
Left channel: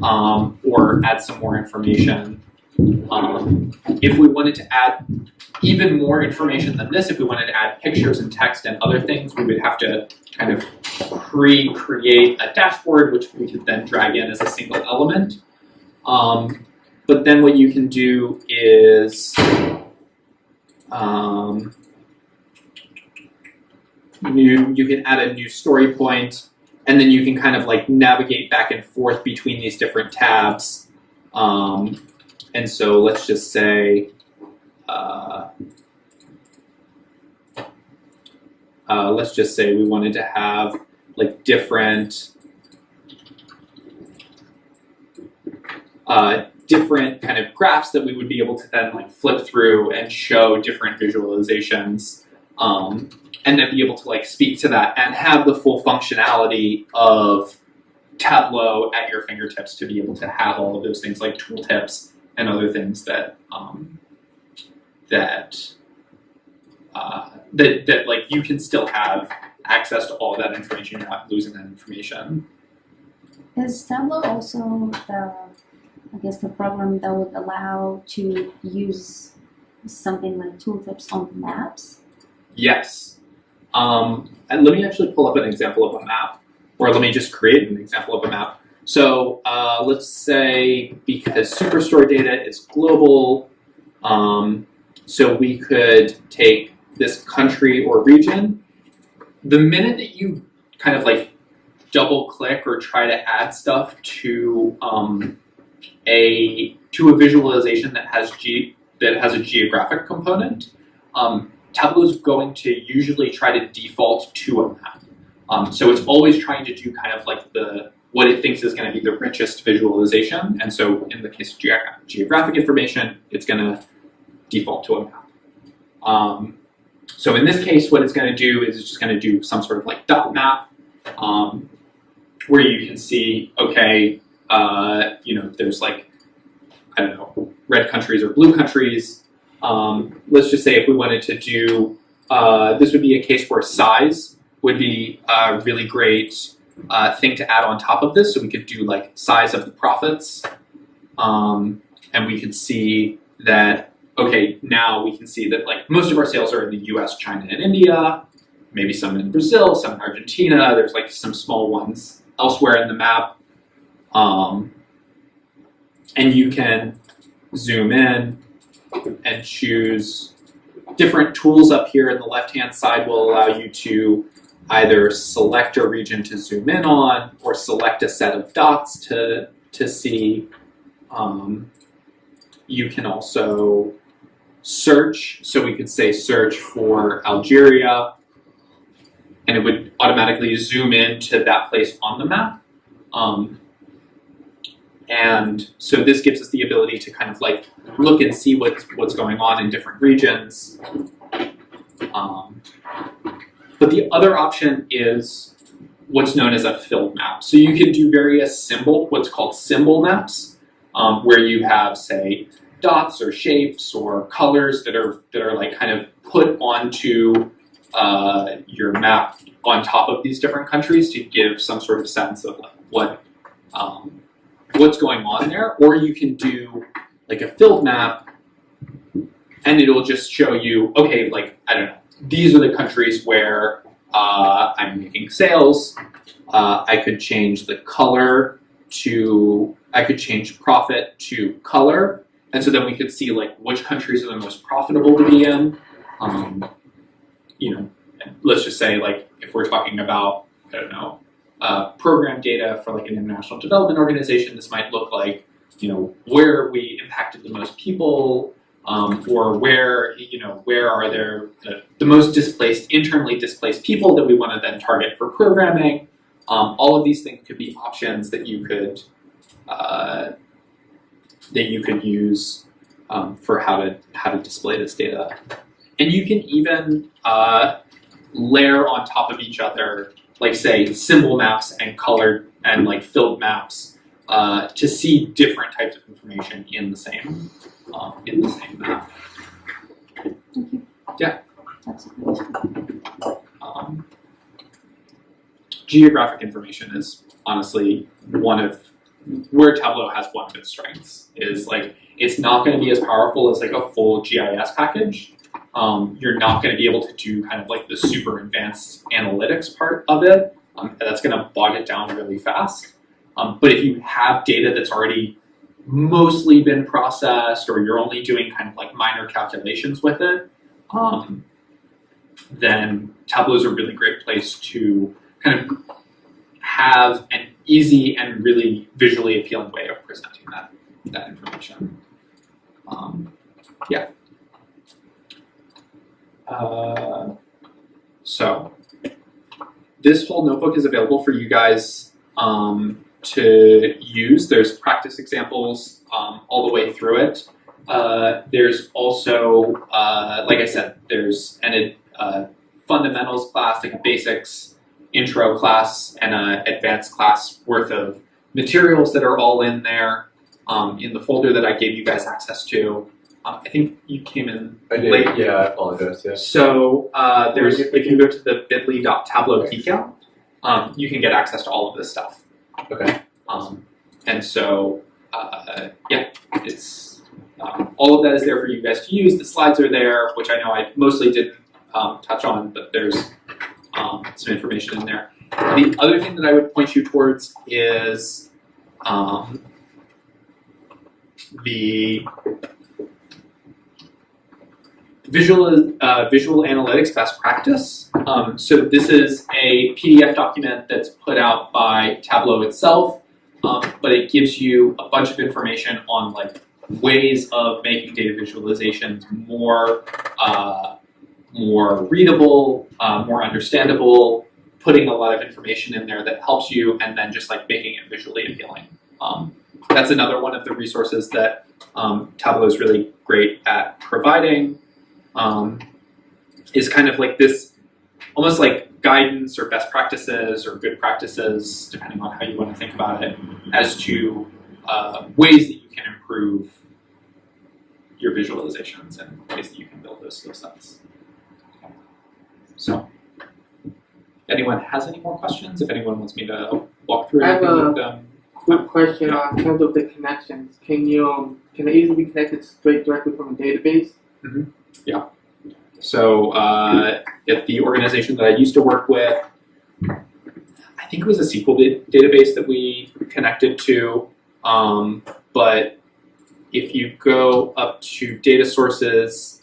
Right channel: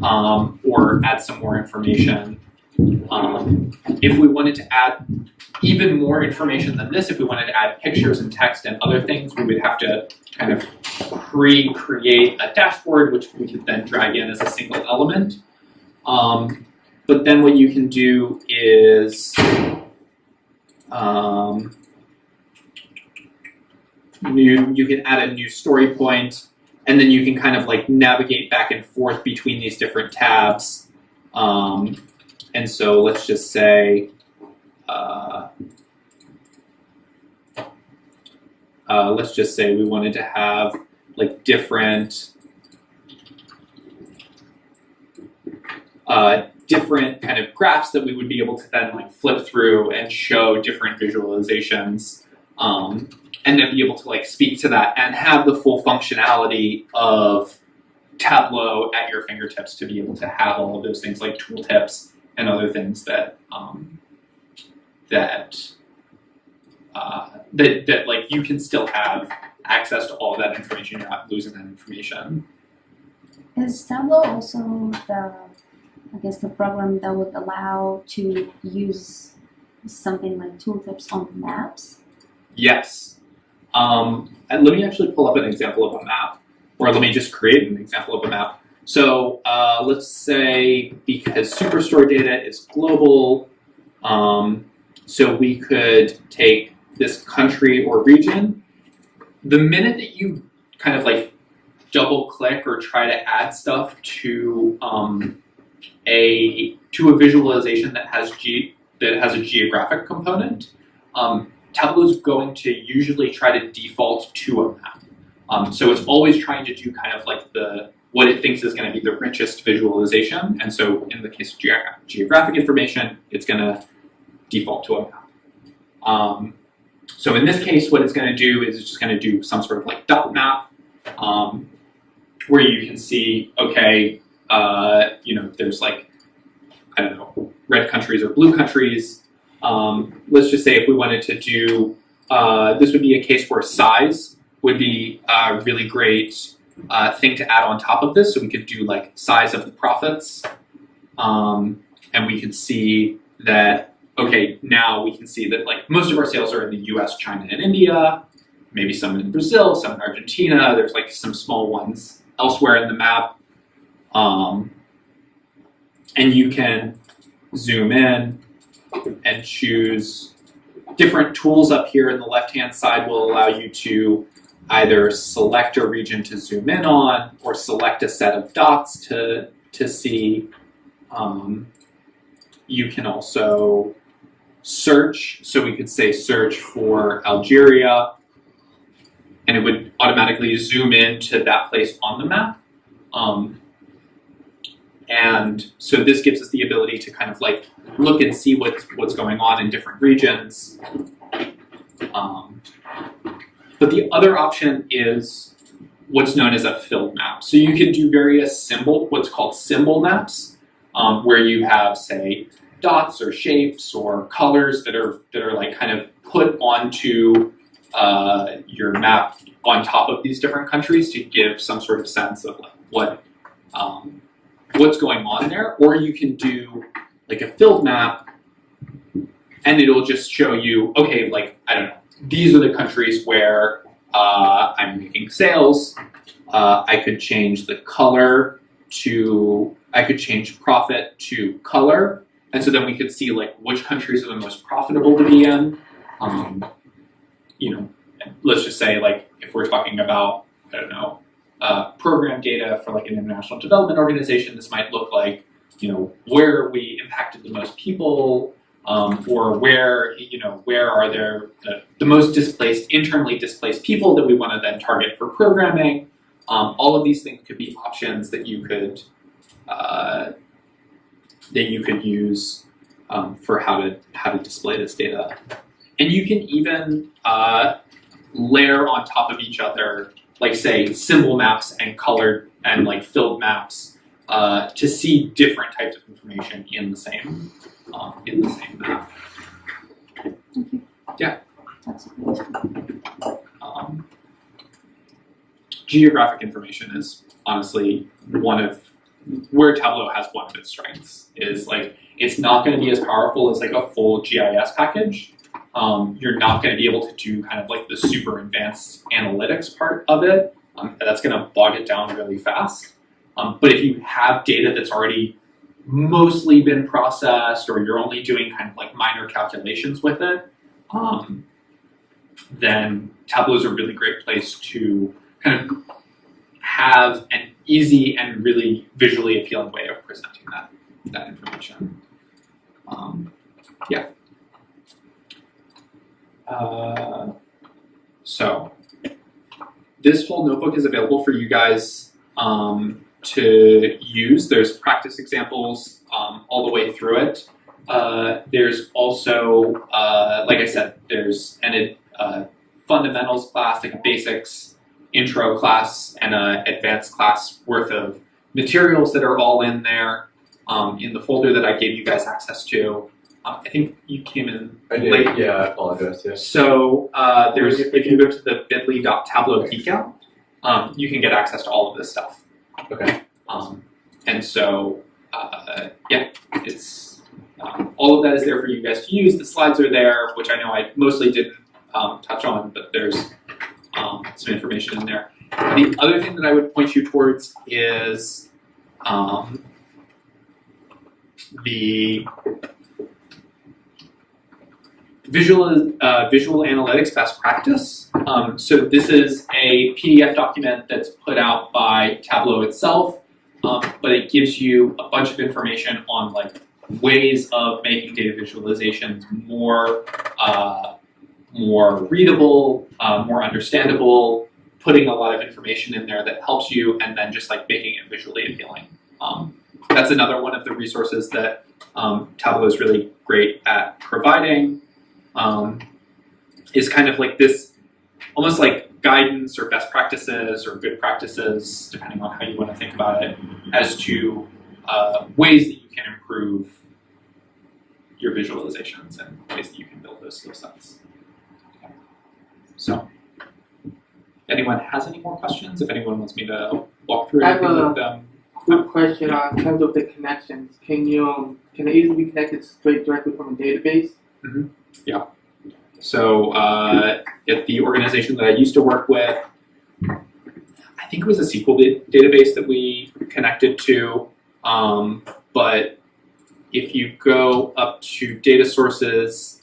or add some more information. If we wanted to add even more information than this, if we wanted to add pictures and text and other things, we would have to kind of create a dashboard, which we could then drag in as a single element. But then what you can do is you can add a new story point, and then you can kind of like navigate back and forth between these different tabs. And so let's just say, we wanted to have like different kind of graphs that we would be able to then like flip through and show different visualizations, and then be able to like speak to that and have the full functionality of Tableau at your fingertips to be able to have all of those things like tooltips and other things that like you can still have access to all that information. You're not losing that information. Is Tableau also the program that would allow to use something like tooltips on maps? Yes. And let me actually pull up an example of a map, or let me just create an example of a map. So let's say, because Superstore data is global, so we could take this country or region. The minute that you kind of like double click or try to add stuff to a visualization that has a geographic component, Tableau is going to usually try to default to a map. So it's always trying to do kind of like what it thinks is going to be the richest visualization. And so in the case of geographic information, it's going to default to a map. So in this case, what it's going to do is it's just going to do some sort of like dot map, where you can see, okay, there's like, I don't know, red countries or blue countries. Let's just say if we wanted to do, this would be a case where size would be a really great thing to add on top of this. So we could do like size of the profits, and we could see that, okay, now we can see that like most of our sales are in the US, China, and India, maybe some in Brazil, some in Argentina. There's like some small ones elsewhere in the map. And you can zoom in and choose different tools up here in the left-hand side will allow you to either select a region to zoom in on or select a set of dots to see. You can also search. So we could say search for Algeria, and it would automatically zoom in to that place on the map. And so this gives us the ability to kind of like look and see what's going on in different regions. But the other option is what's known as a filled map. So you can do various what's called symbol maps, where you have, say, dots or shapes or colors that are like kind of put onto your map on top of these different countries to give some sort of sense of like what's going on there. Or you can do like a filled map and it'll just show you, okay, like, I don't know, these are the countries where I'm making sales. I could change the color I could change profit to color. And so then we could see like which countries are the most profitable to be in. Let's just say like if we're talking about, I don't know, program data for like an international development organization, this might look like, where we impacted the most people, or where are there the most internally displaced people that we want to then target for programming. All of these things could be options that you could use for how to display this data, and you can even layer on top of each other, like say symbol maps and colored and like filled maps to see different types of information in the same map. Thank you. Yeah. That's great. Geographic information is honestly where Tableau has one of its strengths. Is like it's not going to be as powerful as like a full GIS package. You're not going to be able to do kind of like the super advanced analytics part of it. That's going to bog it down really fast. But if you have data that's already mostly been processed, or you're only doing kind of like minor calculations with it, then Tableau is a really great place to kind of have an easy and really visually appealing way of presenting that information. So this whole notebook is available for you guys to use. There's practice examples all the way through it. There's also, like I said, there's an fundamentals class, like a basics intro class, and an advanced class worth of materials that are all in there in the folder that I gave you guys access to. I think you came in late. Yeah, I apologize. Yeah. So if you go to the bit.ly.tableau Geek Out, you can get access to all of this stuff. Okay. And so, it's all of that is there for you guys to use. The slides are there, which I know I mostly didn't touch on, but there's some information in there. The other thing that I would point you towards is the visual analytics best practice. So this is a PDF document that's put out by Tableau itself, but it gives you a bunch of information on like ways of making data visualizations more readable, more understandable, putting a lot of information in there that helps you, and then just like making it visually appealing. That's another one of the resources that Tableau is really great at providing. Is kind of like this, almost like guidance or best practices or good practices, depending on how you want to think about it, as to ways that you can improve your visualizations and ways that you can build those skill sets. Okay. So, if anyone has any more questions, if anyone wants me to walk through anything with them. Quick question in terms of the connections. Can it easily be connected straight directly from a database? Mm-hmm. Yeah. So at the organization that I used to work with, I think it was a SQL database that we connected to. But if you go up to data sources,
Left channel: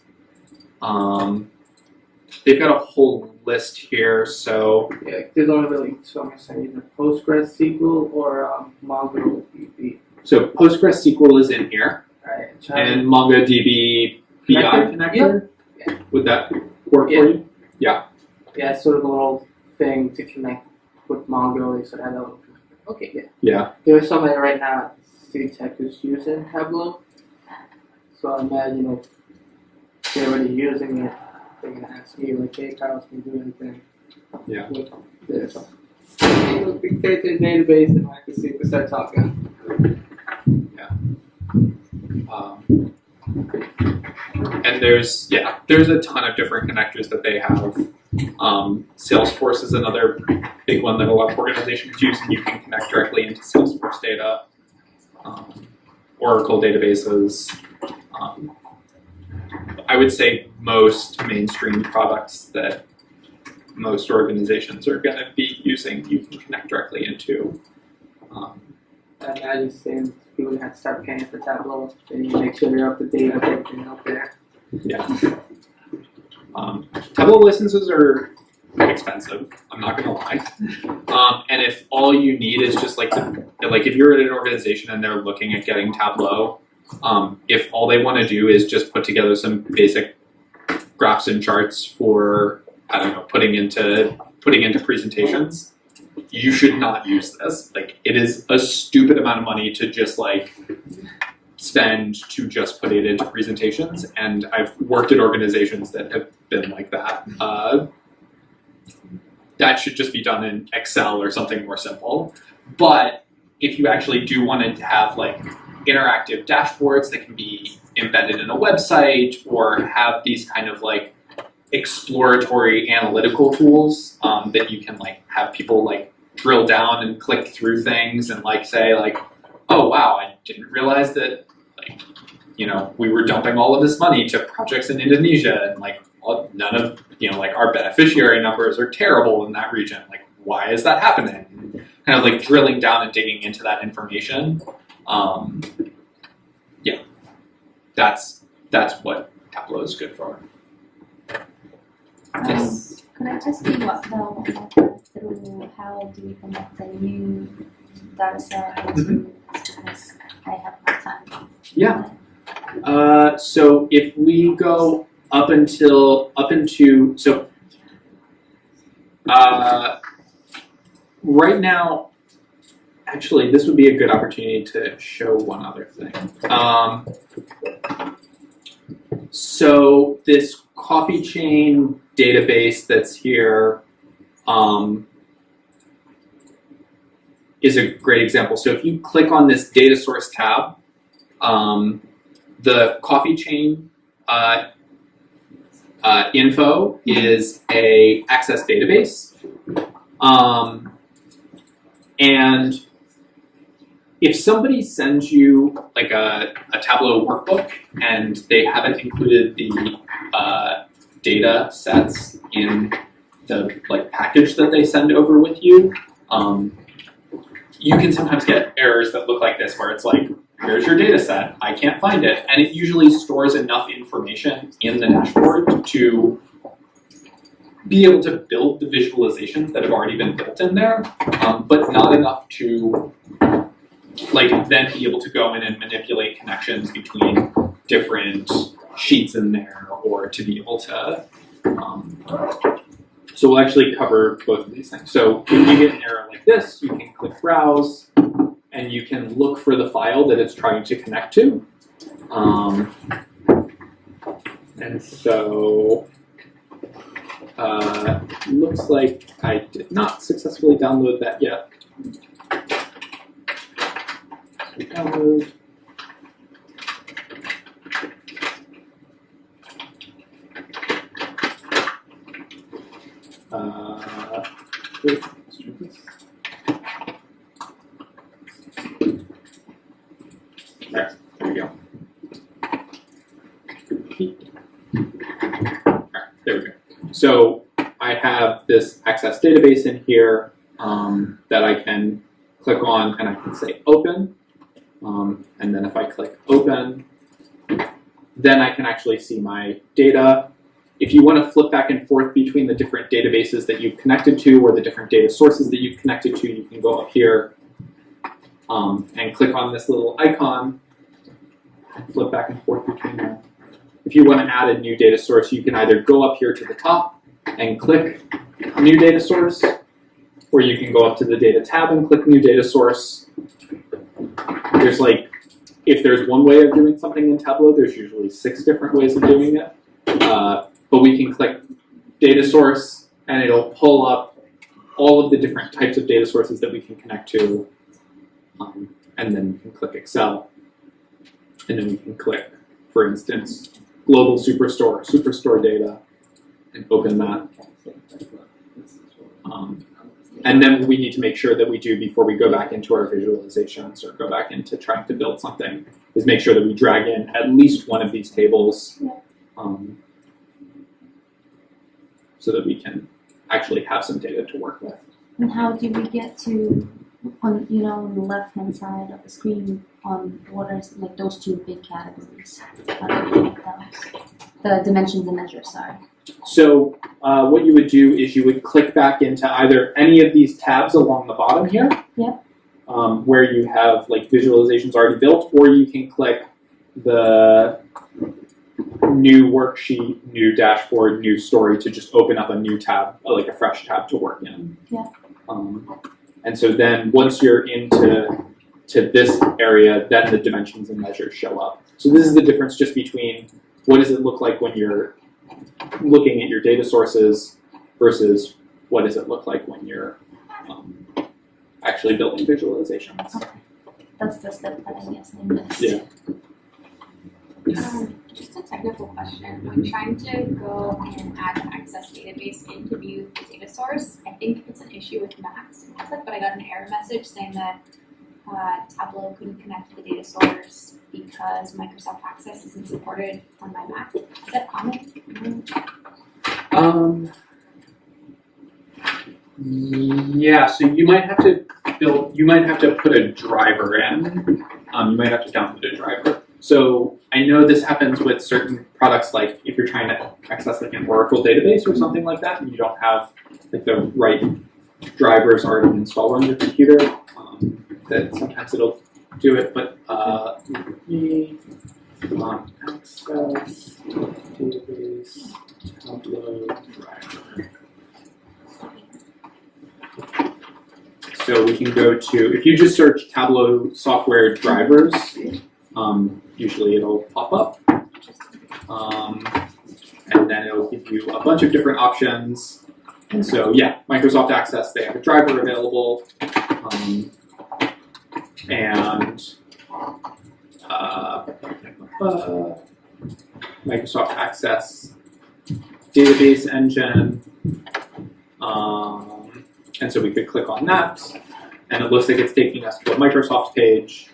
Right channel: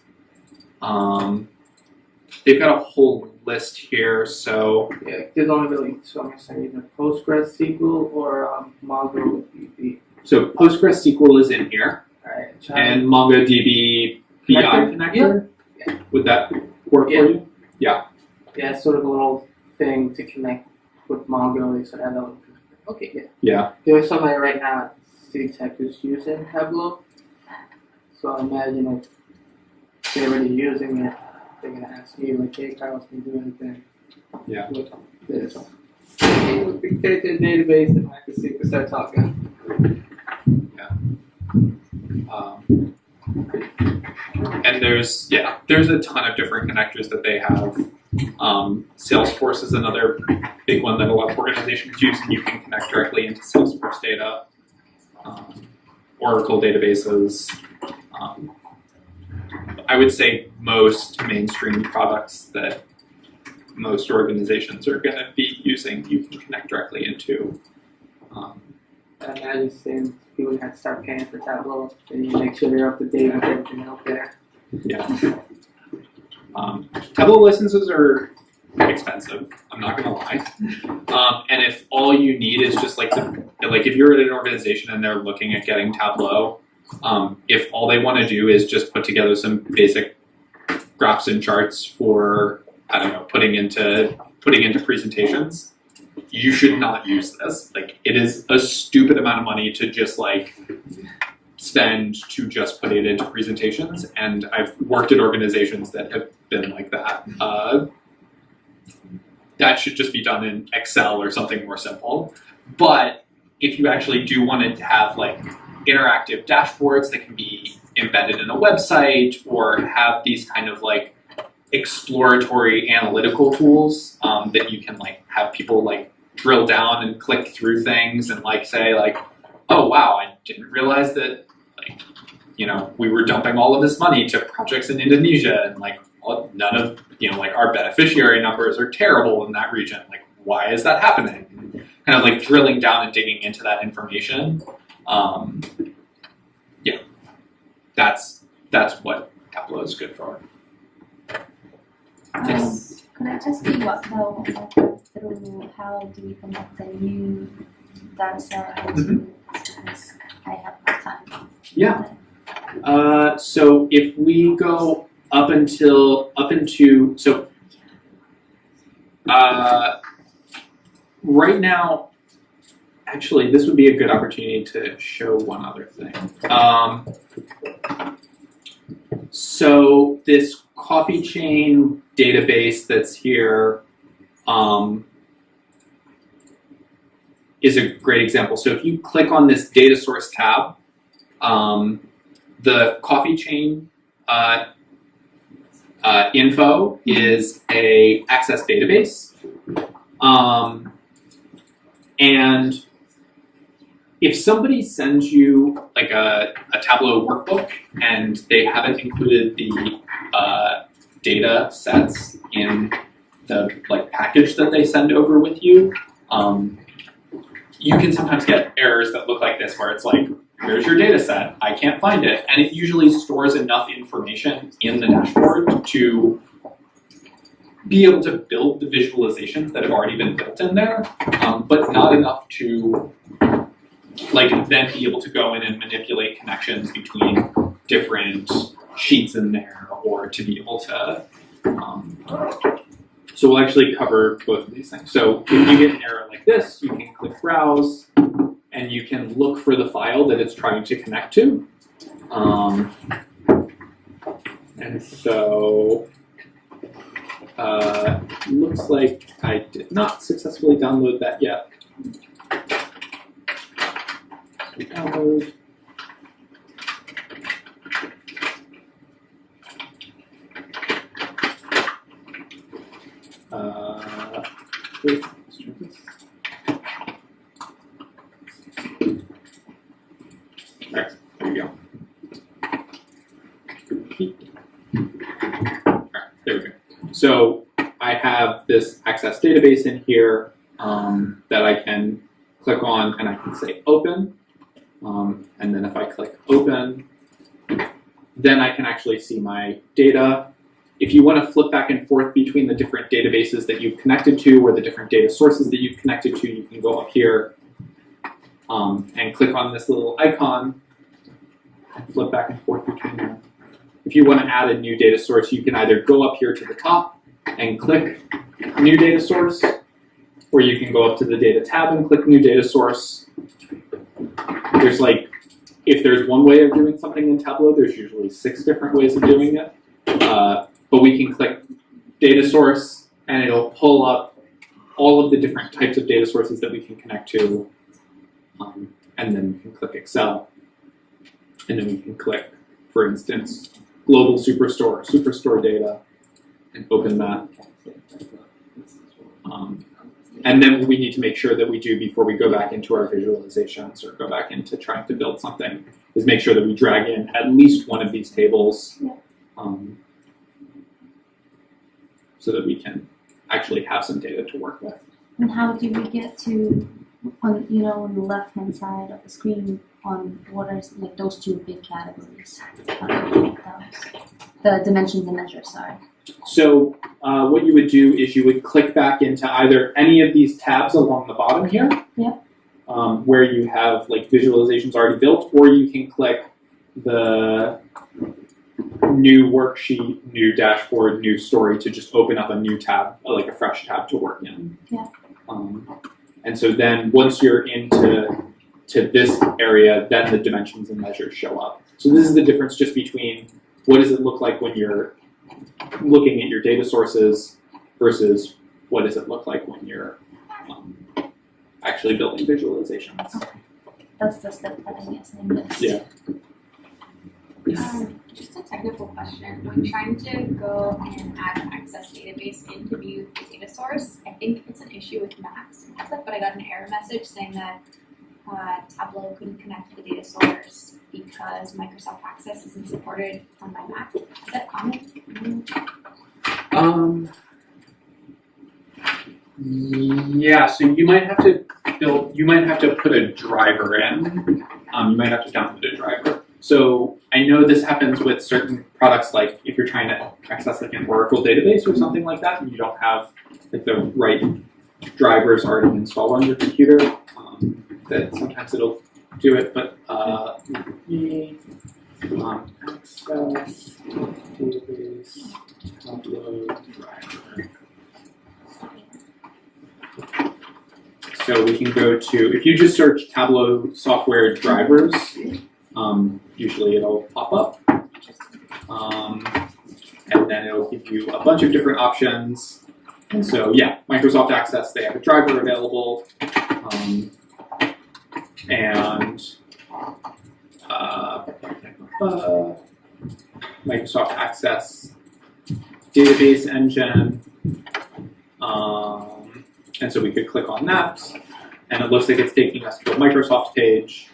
they've got a whole list here. So yeah, there's only really two. I'm saying either PostgreSQL or MongoDB. So PostgreSQL is in here, Right. and MongoDB BI connector. Yeah. Would that work for you? Yeah, it's sort of a little thing to connect with Mongo. So that okay, yeah. Yeah. There's somebody right now at CTech who's using Tableau. So I imagine if they're already using it, they're gonna ask me like, hey, Carlos, can you do anything with this? It would be fit to the database, and I can see if we start talking. Yeah. And there's a ton of different connectors that they have. Salesforce is another big one that a lot of organizations use, and you can connect directly into Salesforce data, Oracle databases. I would say most mainstream products that most organizations are going to be using, you can connect directly into. I imagine soon people have to start paying for Tableau, and you make sure they're up to date with everything out there. Yeah. Tableau licenses are expensive. I'm not gonna lie. And if all you need is just like if you're at an organization and they're looking at getting Tableau, if all they want to do is just put together some basic graphs and charts for putting into presentations, you should not use this. Like, it is a stupid amount of money to just spend to just put it into presentations, and I've worked at organizations that have been like that. That should just be done in Excel or something more simple. But if you actually do want to have interactive dashboards that can be embedded in a website, or have these kind of exploratory analytical tools that you can have people drill down and click through things and say oh wow, I didn't realize that we were dumping all of this money to projects in Indonesia, and none of our beneficiary numbers are terrible in that region. Why is that happening? Kind of drilling down and digging into that information. Yeah, that's what Tableau is good for. Yes. Can I just do what though? Through how do you connect the new data set into because I have no time. Yeah. So if we go up into right now, actually, this would be a good opportunity to show one other thing. So this coffee chain database that's here is a great example. So if you click on this data source tab, the coffee chain info is a access database. And if somebody sends you a Tableau workbook and they haven't included the data sets in the package that they send over with you, you can sometimes get errors that look like this, where it's here's your data set, I can't find it. And it usually stores enough information in the dashboard to be able to build the visualizations that have already been built in there, but not enough to then be able to go in and manipulate connections between different sheets in there, or to be able to, so we'll actually cover both of these things. So when you get an error like this, you can click Browse, and you can look for the file that it's trying to connect to. And so, looks like I did not successfully download that yet. So download. Alright, there we go. Alright, there we go. So I have this access database in here that I can click on, and I can say open. And then if I click open, then I can actually see my data. If you want to flip back and forth between the different databases that you've connected to, or the different data sources that you've connected to, you can go up here and click on this little icon and flip back and forth between them. If you want to add a new data source, you can either go up here to the top and click new data source, or you can go up to the data tab and click new data source. There's if there's one way of doing something in Tableau, there's usually 6 different ways of doing it. But we can click data source, and it'll pull up all of the different types of data sources that we can connect to. And then we can click Excel. And then we can click, for instance, Global Superstore data, and open that. And then what we need to make sure that we do before we go back into our visualizations or go back into trying to build something is make sure that we drag in at least one of these tables so that we can actually have some data to work with. And how do we get to on the left hand side of the screen on what are like those two big categories? How do we get those? The dimensions and measures, sorry. So what you would do is you would click back into either any of these tabs along the bottom here, where you have like visualizations already built, or you can click the new worksheet, new dashboard, new story to just open up a new tab, like a fresh tab to work in. Yeah. And so then once you're into this area, then the dimensions and measures show up. So this is the difference just between what does it look like when you're looking at your data sources versus what does it look like when you're actually building visualizations. Okay. That's the step that I guess I missed. Yeah. Just a technical question. I'm trying to go and add an access database into view the data source. I think it's an issue with Macs, but I got an error message saying that Tableau couldn't connect to the data source because Microsoft Access isn't supported on my Mac. Is that common? Yeah, so you might have to put a driver in. You might have to download a driver. So I know this happens with certain products, like if you're trying to access like an Oracle database or something like that, and you don't have like the right drivers already installed on your computer, that sometimes it'll do it. But let me access database Tableau driver. So we can go to, if you just search Tableau software drivers, usually it'll pop up. And then it'll give you a bunch of different options. And so, yeah, Microsoft Access, they have a driver available. Microsoft Access database engine. And so we could click on that, and it looks like it's taking us to a Microsoft page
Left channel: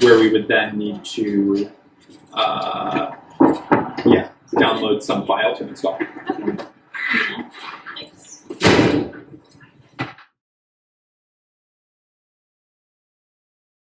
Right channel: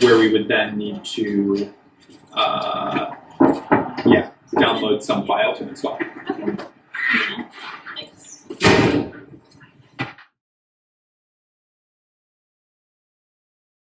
where we would then need to download some file to install.